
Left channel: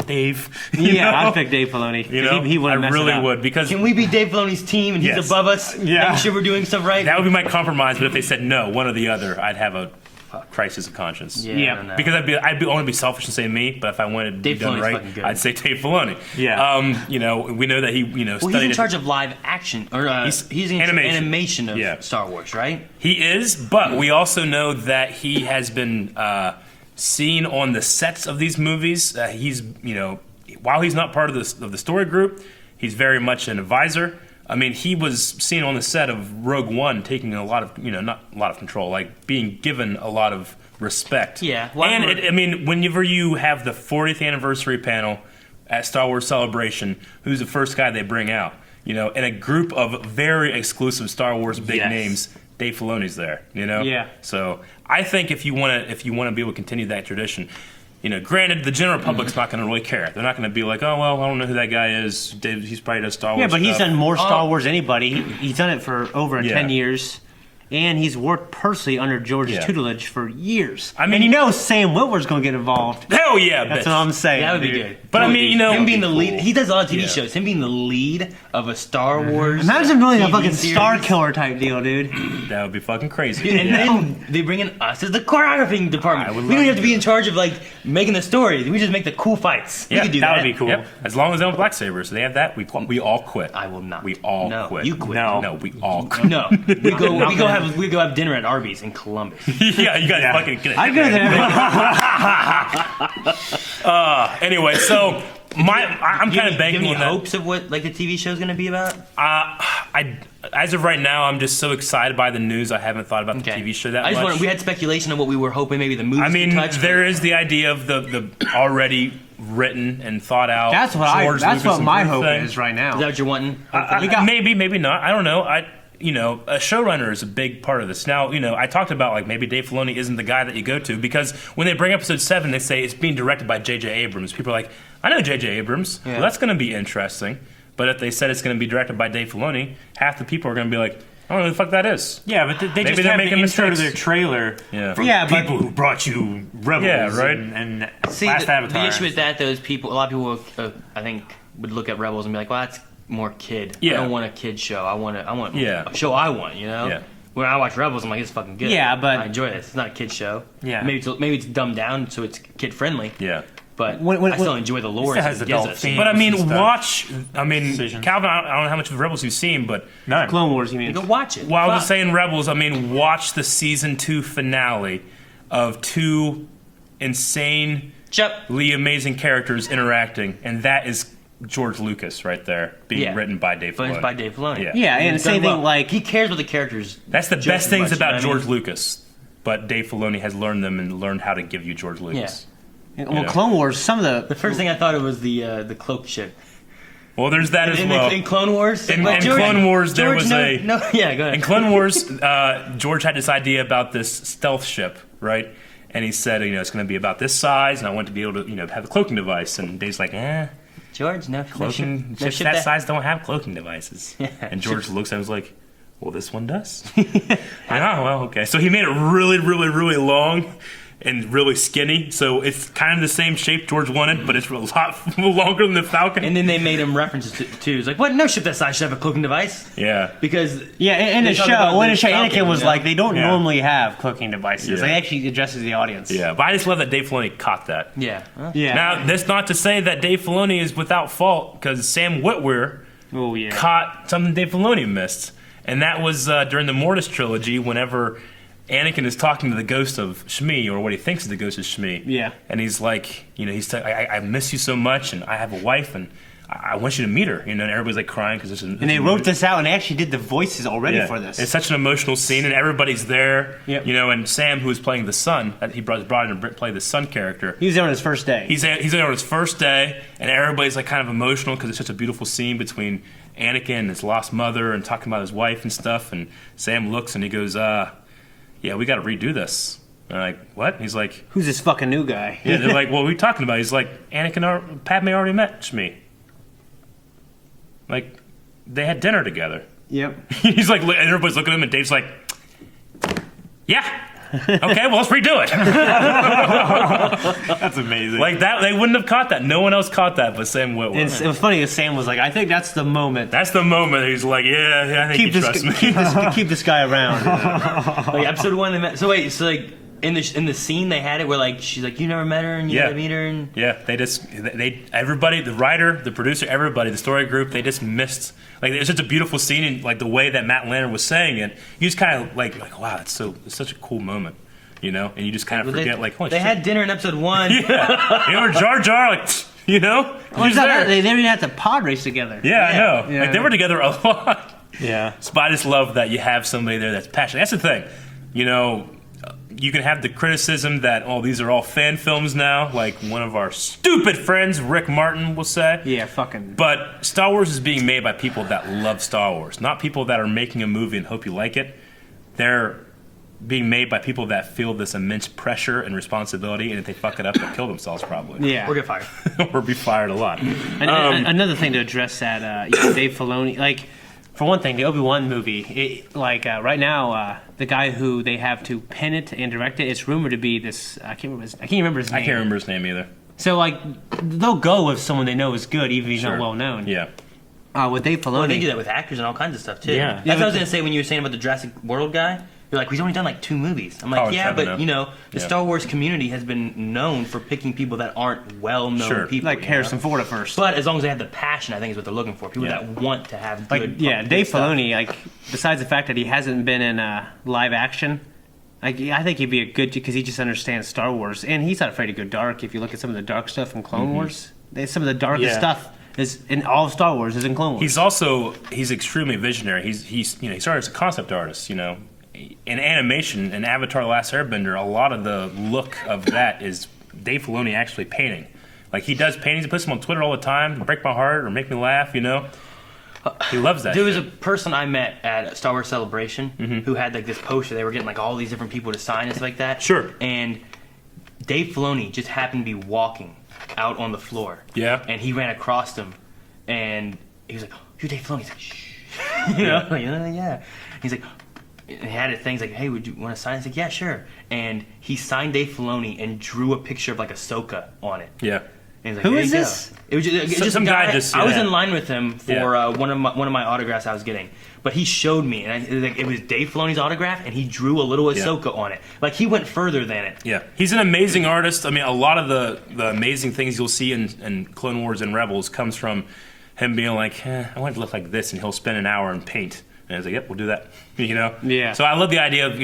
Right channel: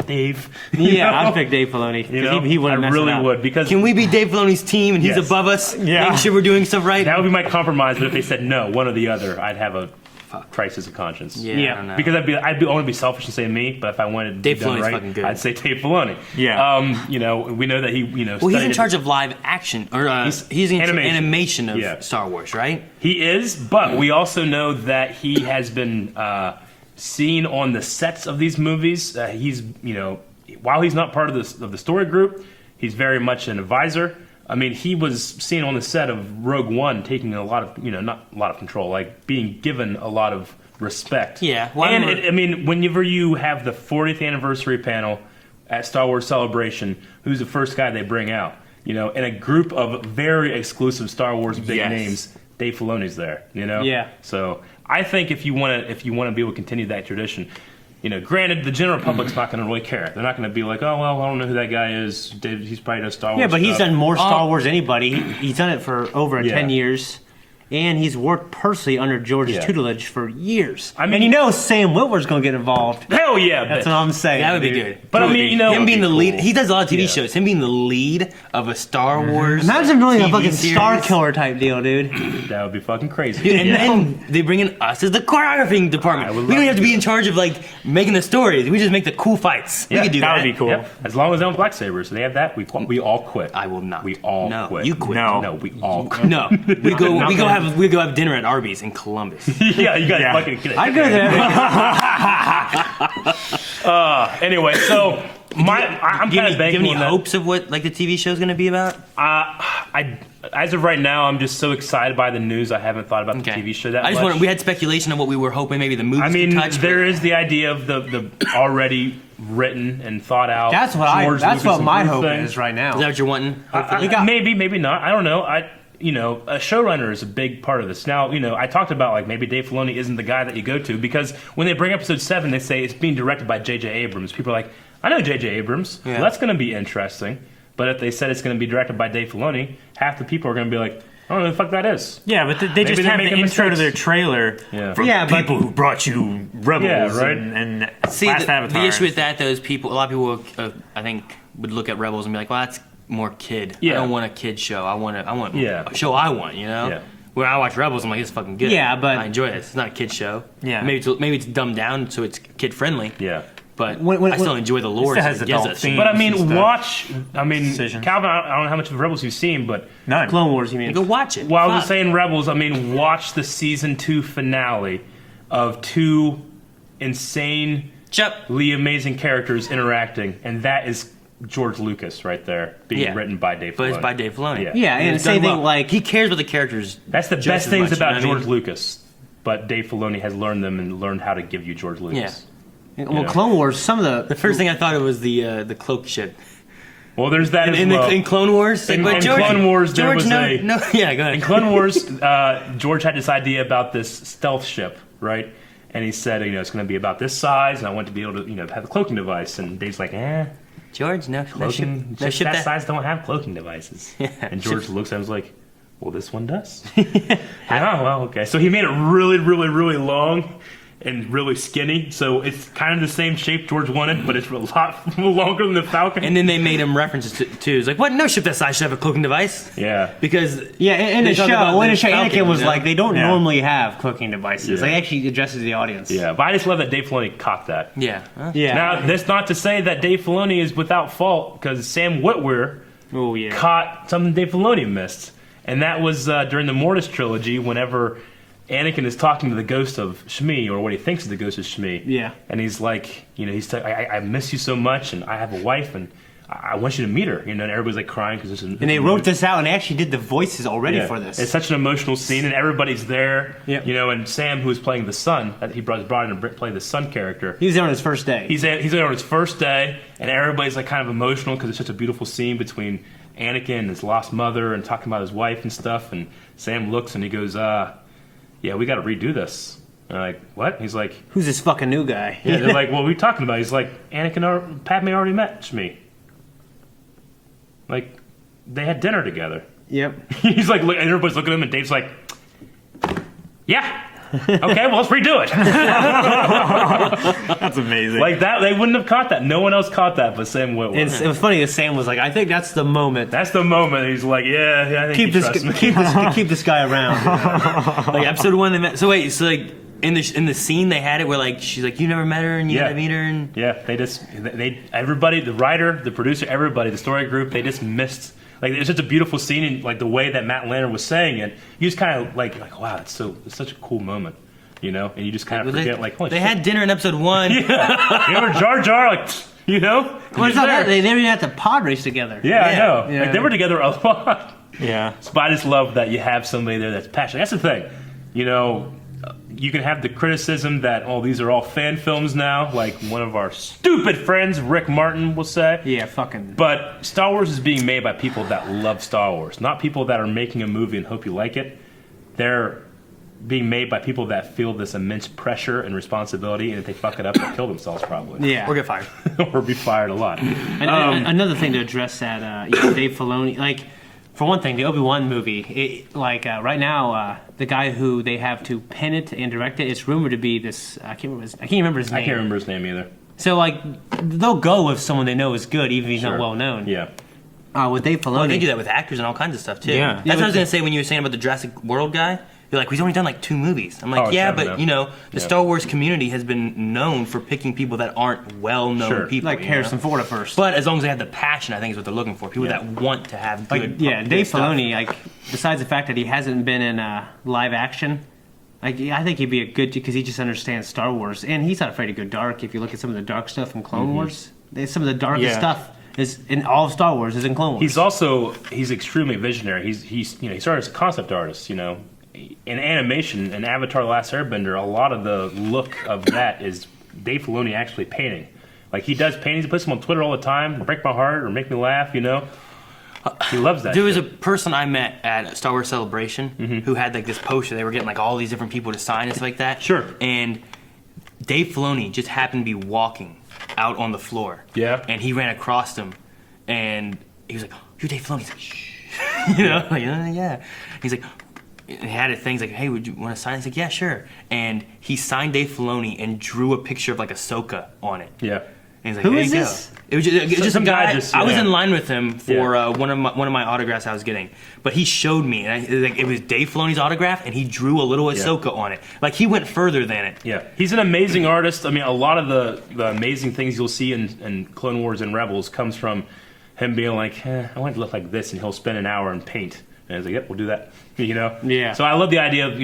Dave. You Yeah, know? I'd pick Dave Filoni. 'cause You know, he wouldn't I mess really it up. would because Can we be Dave Filoni's team and he's Yes. above us? Yeah. Make sure we're doing stuff right. that would be my compromise. But if they said no, one or the other, I'd have a crisis of conscience. Yeah. I don't know. Because I'd only be selfish and say me, but if I wanted to Dave be done Filoni's right, fucking good. I'd say Dave Filoni. Yeah. You know, we know that he, well, he's studied in it. charge of live action or he's in animation. animation of Yeah. Star Wars, right? He is, but we also know that he has been seen on the sets of these movies. He's, while he's not part of the story group, he's very much an advisor. I mean, he was seen on the set of Rogue One, taking a lot of, not a lot of control, like being given a lot of respect. Yeah. And whenever you have the 40th anniversary panel at Star Wars Celebration, who's the first guy they bring out? In a group of very exclusive Star Wars big Yes. names, Dave Filoni's there. Yeah. So I think if you want to be able to continue that tradition, granted the general public's not going to really care. They're not going to be like, oh well, I don't know who that guy is. Dave, he's probably does Star Wars. Yeah, but he's stuff. done more Star Wars than anybody. He's done it for over Yeah. 10 years. And he's worked personally under George's Yeah. tutelage for years. I mean- and Sam Witwer's going to get involved. Hell yeah, That's bitch. what I'm saying. That would be dude. good. But I mean, him being the lead, cool. he does a lot of TV Yeah. shows. Him being the lead of a Star Wars. Imagine really a TV fucking series. Star Killer type deal, dude. That would be fucking crazy. And Yeah. then they bring in us as the choreographing department. I would We don't love have to to. be in charge of like making the stories. We just make the cool fights. Yeah, we could do that that. would be cool. Yep. As long as they have black sabers, they have that. We all quit. I will not. We all no, quit. You quit. No. No, we all quit. No, we go have dinner at Arby's in Columbus. Yeah, you guys Yeah. fucking get it. I go there. Anyway, so I'm Do you kind of have banking any on that. hopes of what like the TV show is going to be about? As of right now, I'm just so excited by the news. I haven't thought about the Okay. TV show that I just much. wanted, we had speculation of what we were hoping maybe the movie. I mean, touch, there is the idea of the already written and thought out. That's what George that's Lucas what my and hope thing. is right Is now. that what you're wanting? Maybe not. I don't know. A showrunner is a big part of this. Now, I talked about like maybe Dave Filoni isn't the guy that you go to because when they bring episode 7, they say it's being directed by J.J. Abrams. People are like, I know J.J. Abrams. Yeah. Well, that's going to be interesting. But if they said it's going to be directed by Dave Filoni, half the people are going to be like, I don't know who the fuck that is. Yeah, but they Maybe just they're have the making intro to mistakes. their trailer. Yeah. For Yeah, but- people who brought you Rebels Yeah, right. and See, Last the Avatar. issue with that though is a lot of people, I think, would look at Rebels and be like, well, that's more kid. Yeah. I don't want a kid show. I want Yeah. a show I want. Yeah. When I watch Rebels, I'm like, it's fucking good. Yeah, but- I enjoy it. It's not a kid show. Yeah. Maybe it's dumbed down so it's kid friendly. Yeah. But When- I still enjoy the lore. It has it gives adult us. themes. But I and mean, stuff. Decision. Calvin, I don't know how much of Rebels you've seen, but None. Clone Wars, you mean? Go watch it. while I was Fuck. saying Rebels, watch the season 2 finale of 2 insanely Yep. amazing characters interacting, and that is George Lucas right there, being written by Dave Filoni. But it's by Dave Filoni. Yeah, and He's same done thing well. like he cares about the characters. That's the just best as things much, about you know what I George mean? Lucas, but Dave Filoni has learned them and learned how to give you George Lucas. well, Clone Wars. Some of The first thing I thought it was the cloak shit. Well, there's that as well. In Clone Wars, In But Clone Wars, there George, was no, a- no. Yeah, go ahead. In Clone Wars, George had this idea about this stealth ship, right? And he said, it's going to be about this size, and I want to be able to, have a cloaking device. And Dave's like, George, no cloaking ship ships that size don't have cloaking devices. And George looks at him and was like, well, this one does. Well, okay. So he made it really, really, really long and really skinny. So it's kind of the same shape George wanted, but it's a lot longer than the Falcon. And then they made him references to it's like, what? No ship that size should have a cloaking device. Yeah. Because in they the talk show, about when the the show, Falcon, Anakin was you know? like, they don't Yeah. normally have cooking devices. Yeah. Like, actually addresses the audience. Yeah, but I just love that Dave Filoni caught that. yeah, Yeah. Now, that's not to say that Dave Filoni is without fault, because Sam Witwer Oh yeah. caught something Dave Filoni missed. And that was during the Mortis trilogy, whenever Anakin is talking to the ghost of Shmi, or what he thinks is the ghost of Shmi. Yeah. And he's like, he's like, I miss you so much, and I have a wife, and I want you to meet her. And everybody's like crying because And they wrote this out, and they actually did the voices already for this. It's such an emotional scene, and everybody's there. Yep. And Sam, who was playing the son, he brought in to play the son character. He was there on his first day. He's there on his first day, and everybody's like kind of emotional because it's such a beautiful scene between Anakin and his lost mother and talking about his wife and stuff. And Sam looks and he goes, yeah, we got to redo this. And I'm like, what? He's like, Who's this fucking new guy? yeah. They're like, what are we talking about? He's like, Padme already met Shmi. Like, they had dinner together. Yep. He's like, and everybody's looking at him, and Dave's like, yeah. Okay, well, let's redo it. That's amazing. Like that, they wouldn't have caught that. No one else caught that but Sam Witwer. And it was funny that Sam was like, I think that's the moment. That's the moment he's like, yeah, I think Keep you this, trust me. keep this guy around. like episode 1 they met. So wait, so like in the scene they had it where like she's like, you never met her and you gotta meet her and Yeah, they everybody, the writer, the producer, everybody, the story group, they just missed. Like, it was such a beautiful scene, and like the way that Matt Lanner was saying it, you just kind of like wow, it's such a cool moment, and you just kind of forget like, holy they shit. had dinner in episode 1. Yeah, remember Jar Jar, like, Well, it's not that. They didn't even have to pod race together. Yeah, I know. Yeah. Like, they were together a lot. yeah. So I just love that you have somebody there that's passionate. That's the thing. You can have the criticism that, these are all fan films now, like one of our stupid friends, Rick Martin, will say. Yeah, fucking. But Star Wars is being made by people that love Star Wars, not people that are making a movie and hope you like it. They're being made by people that feel this immense pressure and responsibility, and if they fuck it up, they'll kill themselves probably. Yeah. Or get fired. Or be fired a lot. Another thing to address that Dave Filoni, like, for one thing, the Obi-Wan movie, right now, the guy who they have to pen it and direct it, it's rumored to be this. I can't remember his name. I can't remember his name either. So like, they'll go with someone they know is good, even if he's Sure. not well known. Yeah. With Dave Filoni, They do that with actors and all kinds of stuff too. Yeah. That's what I was gonna say when you were saying about the Jurassic World guy. You're like, he's only done like 2 movies. I'm like, Oh, yeah, exactly, but no. the Yeah. Star Wars community has been known for picking people that aren't well-known Sure. people. like you Harrison know? Ford at first. But as long as they have the passion, I think is what they're looking for. People Yeah. that want to have Like, good. yeah, Dave stuff. Filoni, like, besides the fact that he hasn't been in live action, like, I think he'd be a good, because he just understands Star Wars, and he's not afraid to go dark. If you look at some of the dark stuff in Clone Wars, some of the darkest Yeah. stuff is in all of Star Wars is in Clone Wars. He's extremely visionary. He started as a concept artist, In animation, in Avatar: The Last Airbender, a lot of the look of that is Dave Filoni actually painting. Like, he does paintings, he puts them on Twitter all the time, to break my heart or make me laugh, He loves that There was a shit. person I met at Star Wars Celebration who had like this poster. They were getting like all these different people to sign and stuff like that. Sure. And Dave Filoni just happened to be walking out on the floor. Yeah. And he ran across them, and he was like, oh, "You're Dave Filoni." He's like, "Shh." Like, yeah. He's like, and he had things like, "Hey, would you want to sign?" He's like, "Yeah, sure." And he signed Dave Filoni and drew a picture of like Ahsoka on it. Yeah. And he's like, Who "There is you go." this? It was just Some a guy guy. just- I was yeah. in line with him for Yeah. one of my autographs I was getting, but he showed me, and it was Dave Filoni's autograph, and he drew a little Ahsoka on it. Like, he went further than it. Yeah, he's an amazing artist. I mean, a lot of the amazing things you'll see in Clone Wars and Rebels comes from him being like, I want it to look like this, and he'll spend an hour and paint. And he's like, yep, we'll do that. Yeah. So I love the idea of,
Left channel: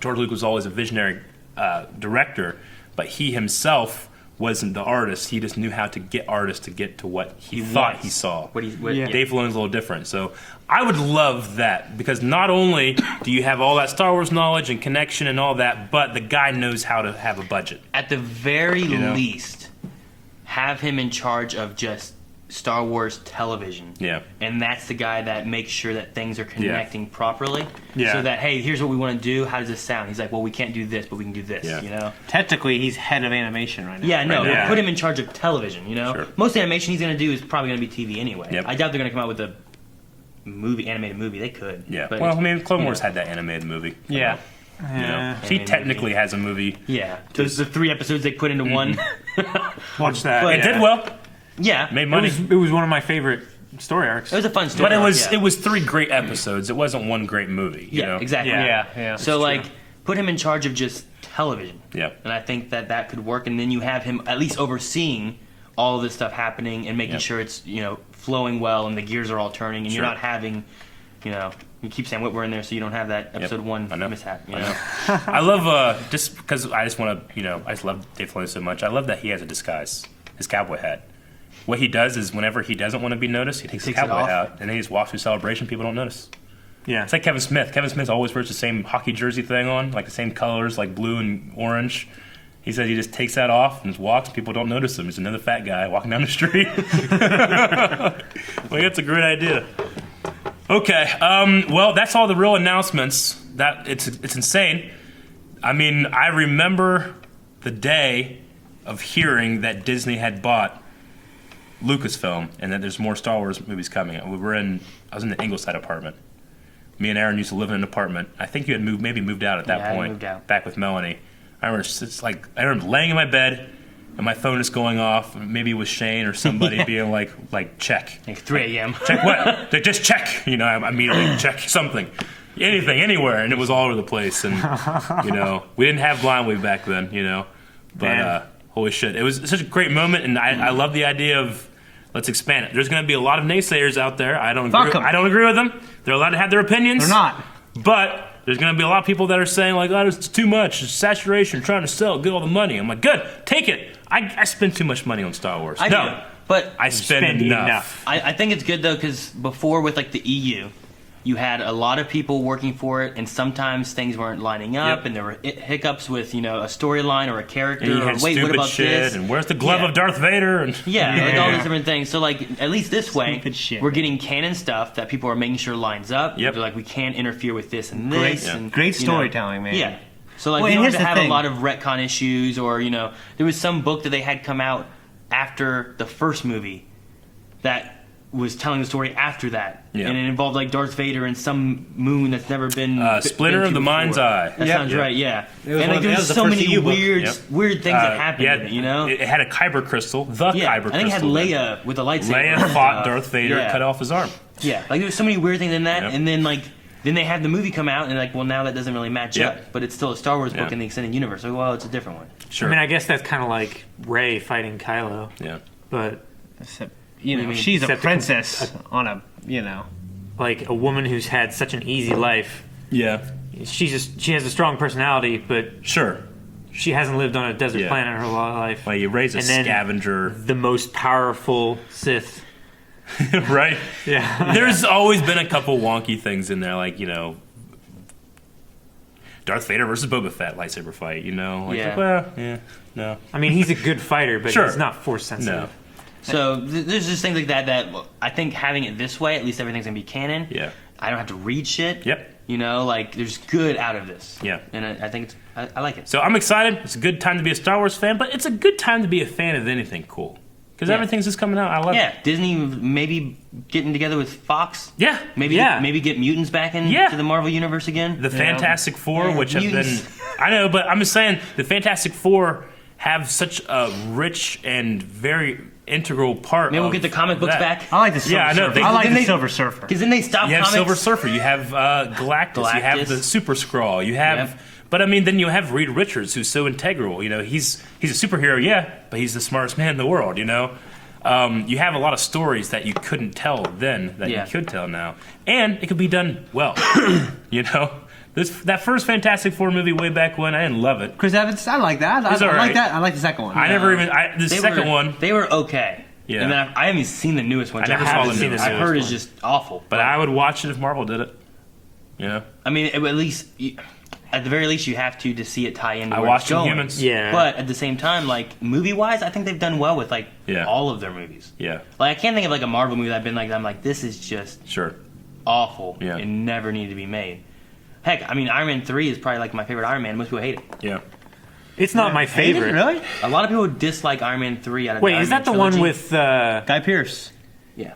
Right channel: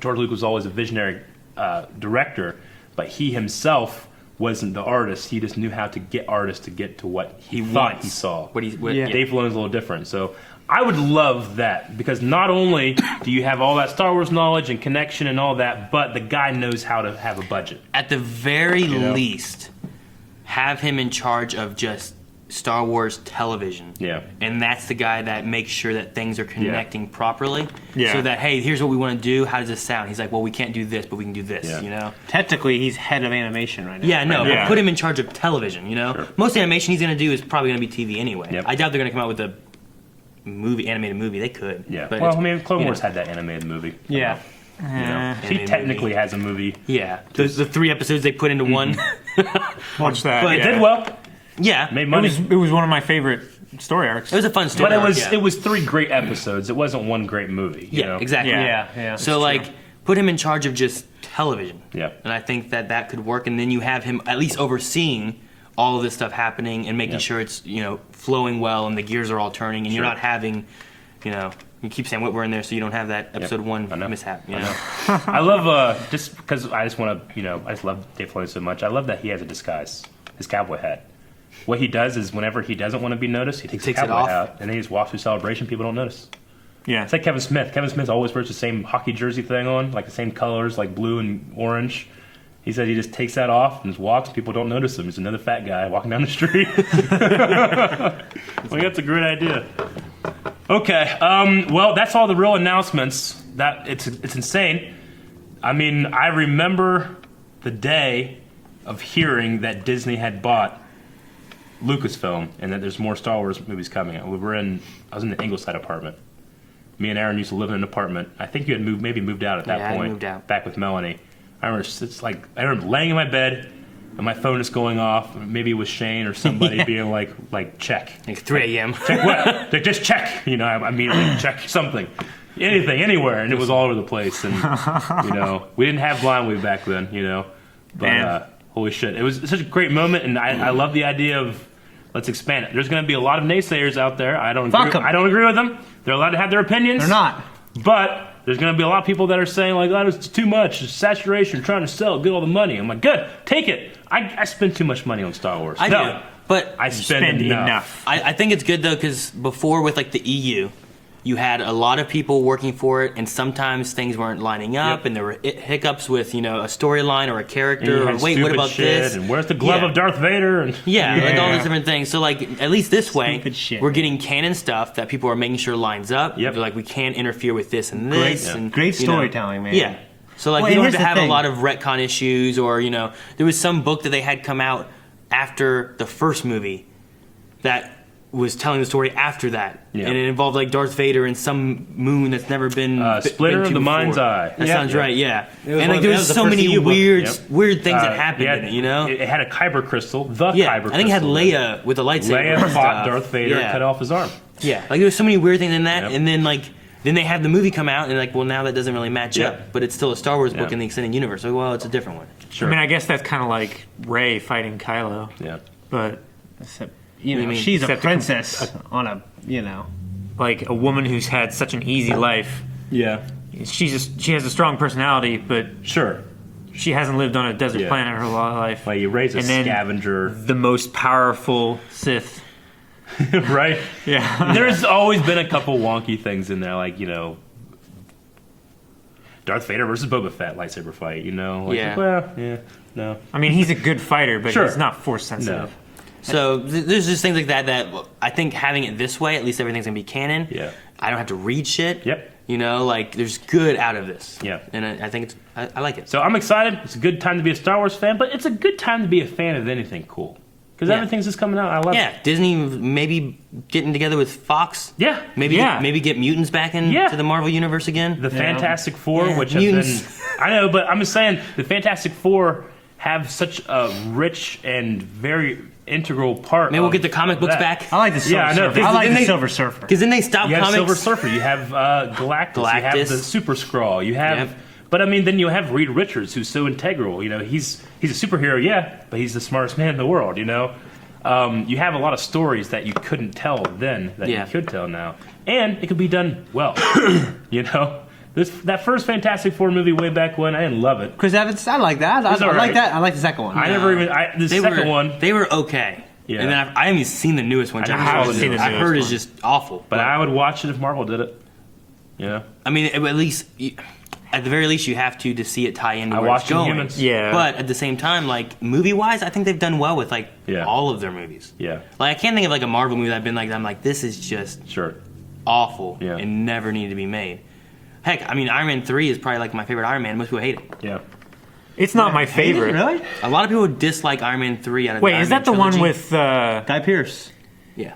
George Lucas was always a visionary director, but he himself wasn't the artist. He just knew how to get artists to get to what he thought wants. he saw. Yeah. Dave Filoni's a little different. So I would love that, because not only do you have all that Star Wars knowledge and connection and all that, but the guy knows how to have a budget. At the very know? least, have him in charge of just Star Wars television. Yeah. And that's the guy that makes sure that things are connecting properly. Yeah. So that, hey, here's what we want to do. How does this sound? He's like, well, we can't do this, but we can do this, Yeah. you know? Technically, he's head of animation right now. Yeah, no, Yeah. but put him in charge of television, you know? Sure. Most animation he's going to do is probably going to be TV anyway. Yep. I doubt they're going to come out with a animated movie. They could. Yeah. But Well, I it's- mean, Clone you Wars know. had that animated movie. Yeah. You know, he Animated technically movie. has a movie. Yeah. The 3 episodes they put into one. Watch that. But It yeah. did well. Yeah. Made It money. was one of my favorite story arcs. It was a fun story. But yeah. it was 3 great episodes. It wasn't one great movie. You Yeah, know? exactly. Yeah. So like, put him in charge of just television. Yeah. And I think that could work. And then you have him at least overseeing all of this stuff happening and making Yeah. sure it's flowing well and the gears are all turning and Sure. you're not having, you keep saying Whitwer in there so you don't have that episode 1 I know. mishap. You I know. know. I love just because I just want to I just love Dave Filoni so much. I love that he has a disguise, his cowboy hat. What he does is whenever he doesn't want to be noticed, he takes his takes it cowboy off. hat and then he just walks through Celebration. People don't notice. Yeah. It's like Kevin Smith. Kevin Smith always wears the same hockey jersey thing on, like the same colors, like blue and orange. He said he just takes that off and just walks. People don't notice him. He's another fat guy walking down the street. Like, that's a great idea. Okay. Well, that's all the real announcements. That it's insane. I mean, I remember the day of hearing that Disney had bought Lucasfilm and that there's more Star Wars movies coming. I was in the Ingleside apartment. Me and Aaron used to live in an apartment. I think you had moved out at that Yeah, I point. moved out. Back with Melanie. I remember I remember laying in my bed and my phone is going off. Maybe it was Shane or somebody being like check. Like 3 a.m. Check what? Like, just check. I immediately check something. Anything, anywhere, and it was all over the place. And we didn't have Blindly back then. But Man. holy shit, it was such a great moment, and I love the idea of let's expand it. There's going to be a lot of naysayers out there. I don't Fuck 'em. agree with them. They're allowed to have their opinions. They're not. But there's going to be a lot of people that are saying like, "Oh, it's too much. It's saturation. Trying to sell, get all the money." I'm like, "Good, take it." I spend too much money on Star Wars. I no, do. But I spend enough. I think it's good though because before with like the EU, you had a lot of people working for it, and sometimes things weren't lining up, Yep. and there were hiccups with a storyline or a And character. you Or had wait, what stupid about shit, this? and where's the glove Yeah. of Darth Vader? And Yeah, like all Yeah. these different things. So like at least this way, Stupid shit. we're getting canon stuff that people are making sure lines up. Yep. They're like we can't interfere with this and Great- this. and, great you know, storytelling, man. Yeah. So like Well, we and don't here's have to the have a thing. lot of retcon issues, or there was some book that they had come out after the first movie that was telling the story after that, Yeah. and it involved like Darth Vader and some moon that's never been Splinter been of to the before. Mind's Eye. That Yep. sounds Yep. right, yeah. It was And one like of- there that was was the so first many EU book. weird things that happened Yeah, in it, It had a kyber crystal, the Yeah, kyber I think it had crystal. Leia with a lightsaber. Leia and fought stuff. Darth Vader, Yeah. cut off his arm. Yeah, like there was so many weird things in that, Yep. and then then they had the movie come out, and like, well, now that doesn't really match Yeah. up, but it's still a Star Wars book Yeah. in the extended universe. So, well, it's a different one. Sure. I mean, I guess that's kind of like Rey fighting Kylo, yeah. but Except, mean? she's a Except princess on a, like a woman who's had such an easy life. Yeah. She has a strong personality, but Sure. she hasn't lived on a desert Yeah. planet her whole life. Like you raise a And then- scavenger, The most powerful Sith. right? Yeah. There's always been a couple wonky things in there, like Darth Vader versus Boba Fett lightsaber fight. Like, Yeah. well, yeah, no, I mean, he's a good fighter, but Sure. he's not force sensitive. no, So there's just things like that I think having it this way, at least everything's gonna be canon. yeah, I don't have to read shit. yep. Like there's good out of this. Yeah. And I think I like it. So I'm excited. It's a good time to be a Star Wars fan, but it's a good time to be a fan of anything cool because Yeah. everything's just coming out. I love Yeah, it. Disney maybe getting together with Fox. Yeah, Maybe Yeah. maybe get mutants back into Yeah. the Marvel universe again. the Fantastic Four, Yeah, which have been, mutants. I know, but I'm just saying the Fantastic Four have such a rich and very integral part. Maybe we'll of get the comic books that. back. I like the Silver Yeah, I know. Surfer. I like Didn't the they- Silver Surfer. Because then they stopped You have comics. Silver Surfer. You have Galactus. You have Galactus. the Super Skrull. You have, Yep. but I mean, then you have Reed Richards, who's so integral. He's a superhero, yeah, but he's the smartest man in the world. You have a lot of stories that you couldn't tell then that Yeah. you could tell now, and it could be done well. That first Fantastic Four movie way back when, I didn't love it. Chris Evans, I like that. I It's all like right. that. I like the second one. I never even the second one. They were okay. Yeah. And then I haven't even seen the newest one. I never haven't saw the seen newest the I've newest heard one. it's just awful. But I would watch it if Marvel did it. You know, I mean, at least, at the very least, you have to see it tie into I where it's watched going. Inhumans. Yeah. But at the same time, like movie-wise, I think they've done well with like Yeah. all of their movies. Yeah, Like I can't think of like a Marvel movie that I've been like, I'm like, this is just sure. awful Yeah. and never needed to be made. Heck, I mean, Iron Man 3 is probably like my favorite Iron Man. Most people hate it. Yeah. It's not my favorite. Really? A lot of people dislike Iron Man 3 out of Wait, the is Iron that the Man one trilogy. with? Guy Pearce. Yeah.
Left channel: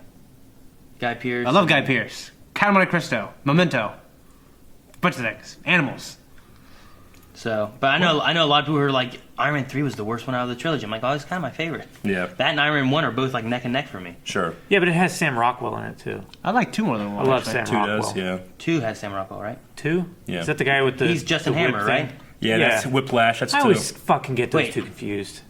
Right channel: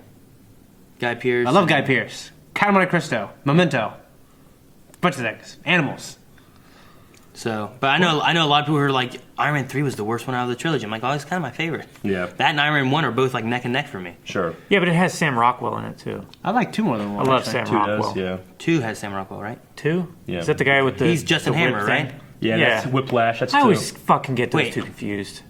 Guy Pearce. I love Guy Pearce. Count of Monte Cristo. Memento. Bunch of things. Animals. So, but I know a lot of people who are like, Iron Man 3 was the worst one out of the trilogy. I'm like, oh, it's kind of my favorite. Yeah. That and Iron Man 1 are both like neck and neck for me. Sure. Yeah, but it has Sam Rockwell in it too. I like two more than one. I love actually. Sam 2 Rockwell. does. Yeah. 2 has Sam Rockwell, right? 2? Yeah. Is that the guy with the? He's Justin the whip Hammer, thing? right? Yeah. Yeah. That's Whiplash. That's I 2. always fucking get those Wait. two confused.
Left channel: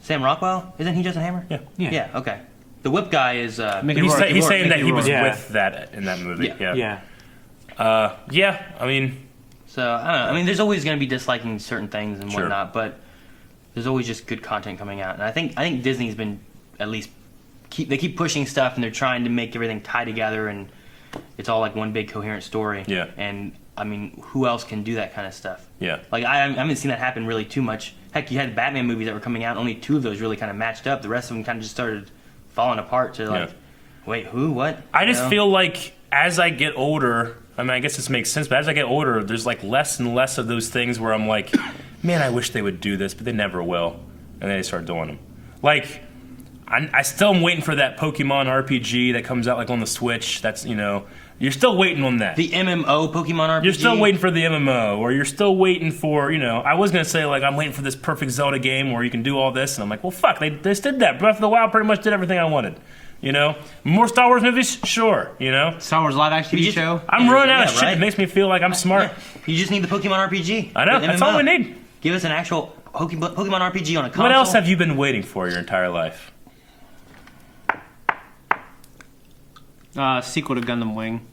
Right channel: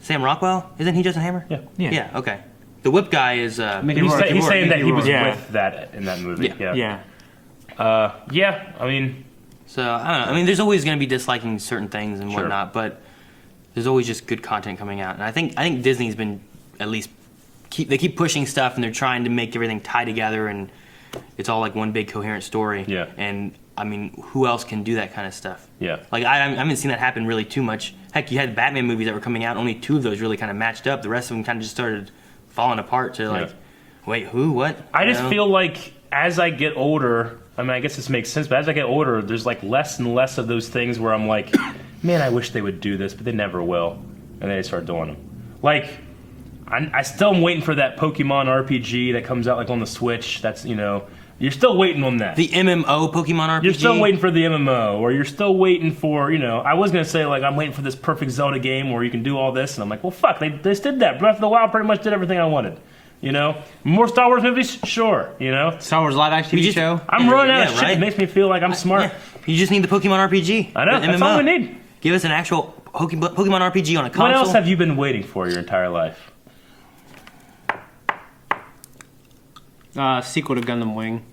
Sam Rockwell? Isn't he Justin Hammer? Yeah. Yeah. Yeah, okay. The whip guy is... Mickey He's, Rourke. he's saying that he was Yeah. with that in that movie. Yeah. Yeah. Yeah. Yeah. I mean, So, I don't know. I mean, there's always going to be disliking certain things and Sure. whatnot, but there's always just good content coming out. And I think Disney's been at least... They keep pushing stuff and they're trying to make everything tie together and it's all like one big coherent story. Yeah. And, I mean, who else can do that kind of stuff? yeah. Like, I haven't seen that happen really too much. Heck, you had Batman movies that were coming out, only 2 of those really kind of matched up. The rest of them kind of just started falling apart to like, Yeah. wait, who, what? I You just know? feel like as I get older, I mean, I guess this makes sense, but as I get older, there's like less and less of those things where I'm like, man, I wish they would do this, but they never will. And then they start doing them. Like, I still am waiting for that Pokemon RPG that comes out like on the Switch. That's, you know, you're still waiting on that. The MMO Pokemon RPG. You're still waiting for the MMO, or you're still waiting for, you know, I was going to say, like, I'm waiting for this perfect Zelda game where you can do all this, and I'm like, well, fuck, they just did that. Breath of the Wild pretty much did everything I wanted. You know? More Star Wars movies? Sure, you know? Star Wars live action TV just- show. I'm running out of Yeah, shit right? that makes me feel like I'm smart. You just need the Pokemon RPG. I know, the that's all MMO. we need. Give us an actual Pokemon RPG on a console. What else have you been waiting for your entire life? Sequel to Gundam Wing.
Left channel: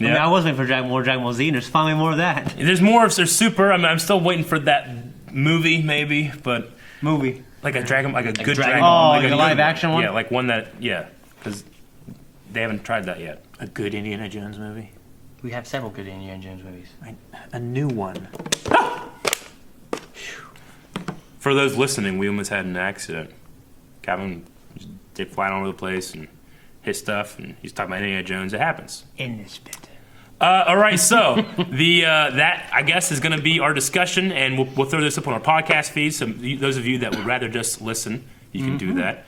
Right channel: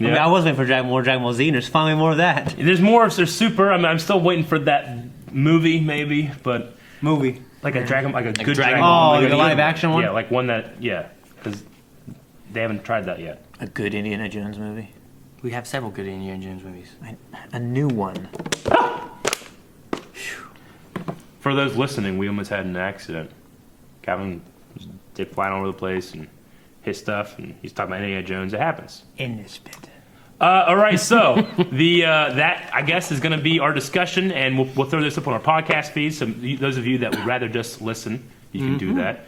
I Yeah. mean, I was waiting for more Dragon Ball Z, and there's finally more of that There's more if there's Super. I mean, I'm still waiting for that movie, maybe, but movie. like a Dragon, like a good Dragon- Dragon. Oh, like the a good live action one? Yeah, like one that, yeah, because they haven't tried that yet. A good Indiana Jones movie. We have several good Indiana Jones movies. A new one. For those listening, we almost had an accident. Calvin was flying all over the place and hit stuff, and he's talking about Indiana Jones. It happens. In this bit. All right, so the that I guess is going to be our discussion, and we'll throw this up on our podcast feed. So those of you that would rather just listen, you can do that.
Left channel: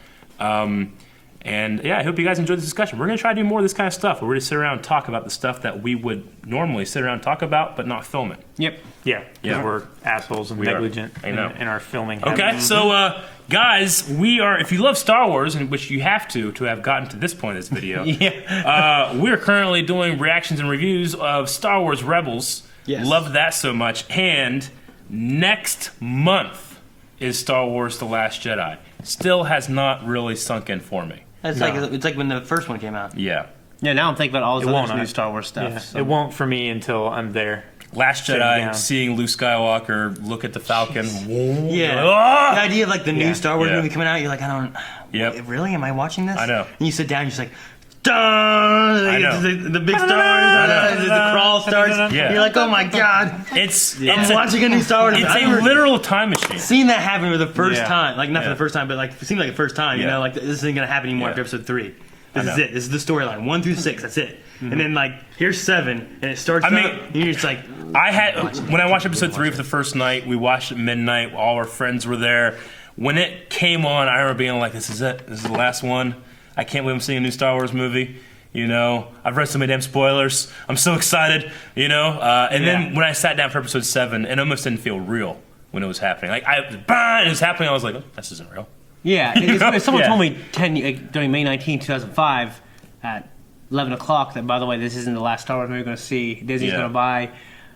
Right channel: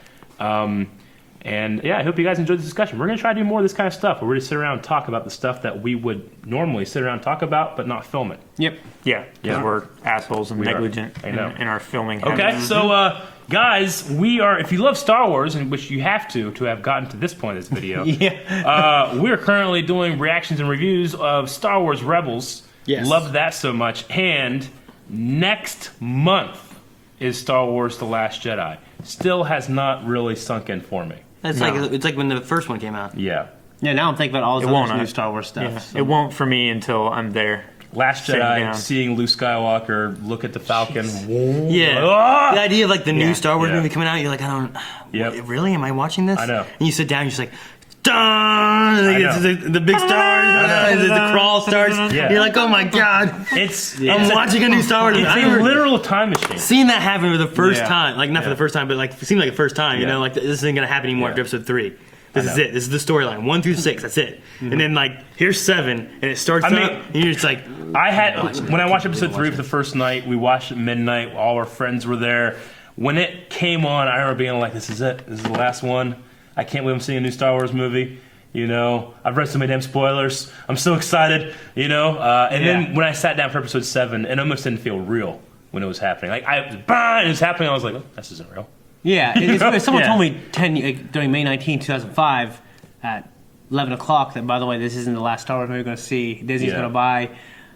And yeah, I hope you guys enjoyed this discussion. We're going to try to do more of this kind of stuff, where we're going to sit around and talk about the stuff that we would normally sit around and talk about, but not film it. Yep. Yeah, because Yeah. we're assholes and We are. negligent I know. in our filming. Okay, habits. so guys, we are. If you love Star Wars, and which you have to have gotten to this point of this video, Yeah. we're currently doing reactions and reviews of Star Wars Rebels. Yes. Love that so much. And next month is Star Wars: The Last Jedi. Still has not really sunk in for me. That's No. like it's like when the first one came out. Yeah. Yeah, now I'm thinking about all this It won't, other new I- Star Wars stuff. Yeah, so- it won't for me until I'm there. Last Sitting Jedi, down. seeing Luke Skywalker look at the Falcon. Yeah. Ah! The idea of like the Yeah. new Star Wars Yeah. movie coming out, you're like, I don't. Yep. Really? Am I watching this? I know. And you sit down, you're just like, dun! And I then know. the big Star Wars, and the crawl starts. Yeah. You're like, oh my god! I'm watching a new Star Wars. It's I a remember literal time machine. seeing that happen for the first Yeah. time. Like not for Yeah. the first time, but like it seemed like the first time. You Yeah. know, like this isn't gonna happen anymore Yeah. after episode 3. This I is know. it. This is the storyline 1 through 6. That's it. And then like here's 7, and it starts I mean- up, and you're just like, I had when I watched episode 3 for the first night. We watched it at midnight. All our friends were there. When it came on, I remember being like, "This is it. This is the last one. I can't believe I'm seeing a new Star Wars movie." You know, I've read so many damn spoilers. I'm so excited. You know, and then when I sat down for episode 7, it almost didn't feel real when it was happening. Like it was happening. I was like, oh, "This isn't real." Yeah, if someone Yeah. told me during May 19, 2005, at 11 o'clock, that by the way, this isn't the last Star Wars movie you're going to see. Disney's Yeah. going to buy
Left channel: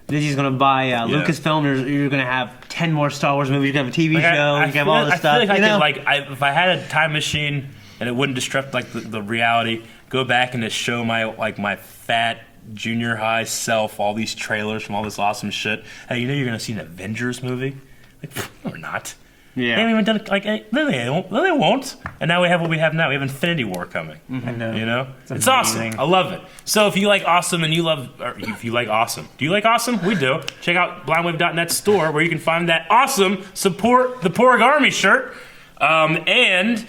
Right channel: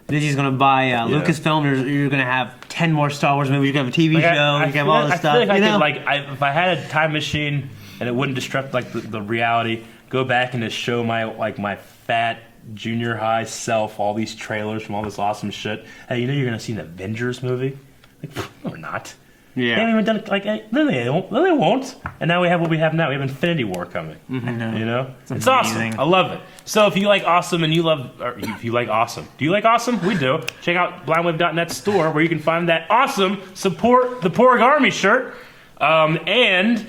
Lucasfilm. You're going to have 10 more Star Wars movies. You're going to have a TV Like, show. You can have all this I stuff. feel like You I know? could, like, if I had a time machine and it wouldn't disrupt like the reality, go back and just show my fat junior high self all these trailers from all this awesome shit. Hey, you're gonna see an Avengers movie? Like, no, we're not. Yeah. They haven't even done it. Like, no, they won't. No, they won't. And now we have what we have now. We have Infinity War coming. I know. You know, it's amazing. awesome. I love it. So if you like awesome and you love, or if you like awesome, do you like awesome? We do. Check out blindwave.net store where you can find that awesome support the Porg Army shirt. And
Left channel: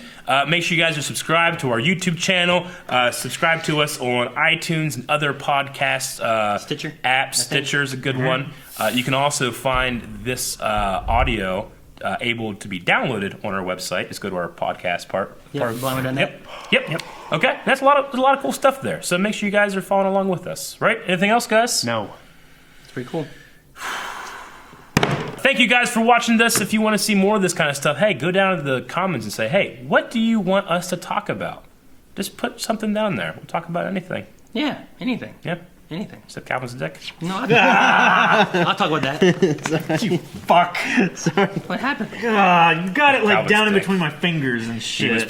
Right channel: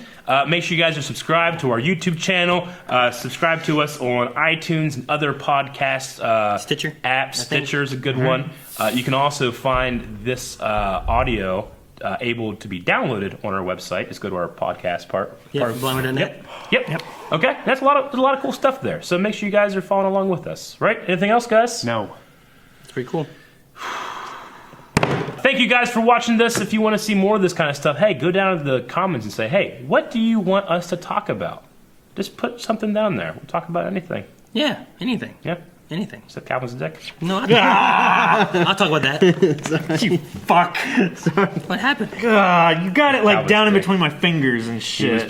make sure you guys are subscribed to our YouTube channel. Subscribe to us on iTunes and other podcast Stitcher apps. Stitcher's a good one. You can also find this audio able to be downloaded on our website. Just go to our podcast part. Blindwave.net. Yep. Okay, there's a lot of cool stuff there. So make sure you guys are following along with us. Right? Anything else, guys? No. It's pretty cool. Thank you guys for watching this. If you want to see more of this kind of stuff, hey, go down to the comments and say, hey, what do you want us to talk about? Just put something down there. We'll talk about anything. Yeah, anything. Yep. Anything. Except Calvin's dick. No, I'll talk about that. You fuck. Sorry. What happened? You got it like Calvin's down in dick. between my fingers and He was shit. playing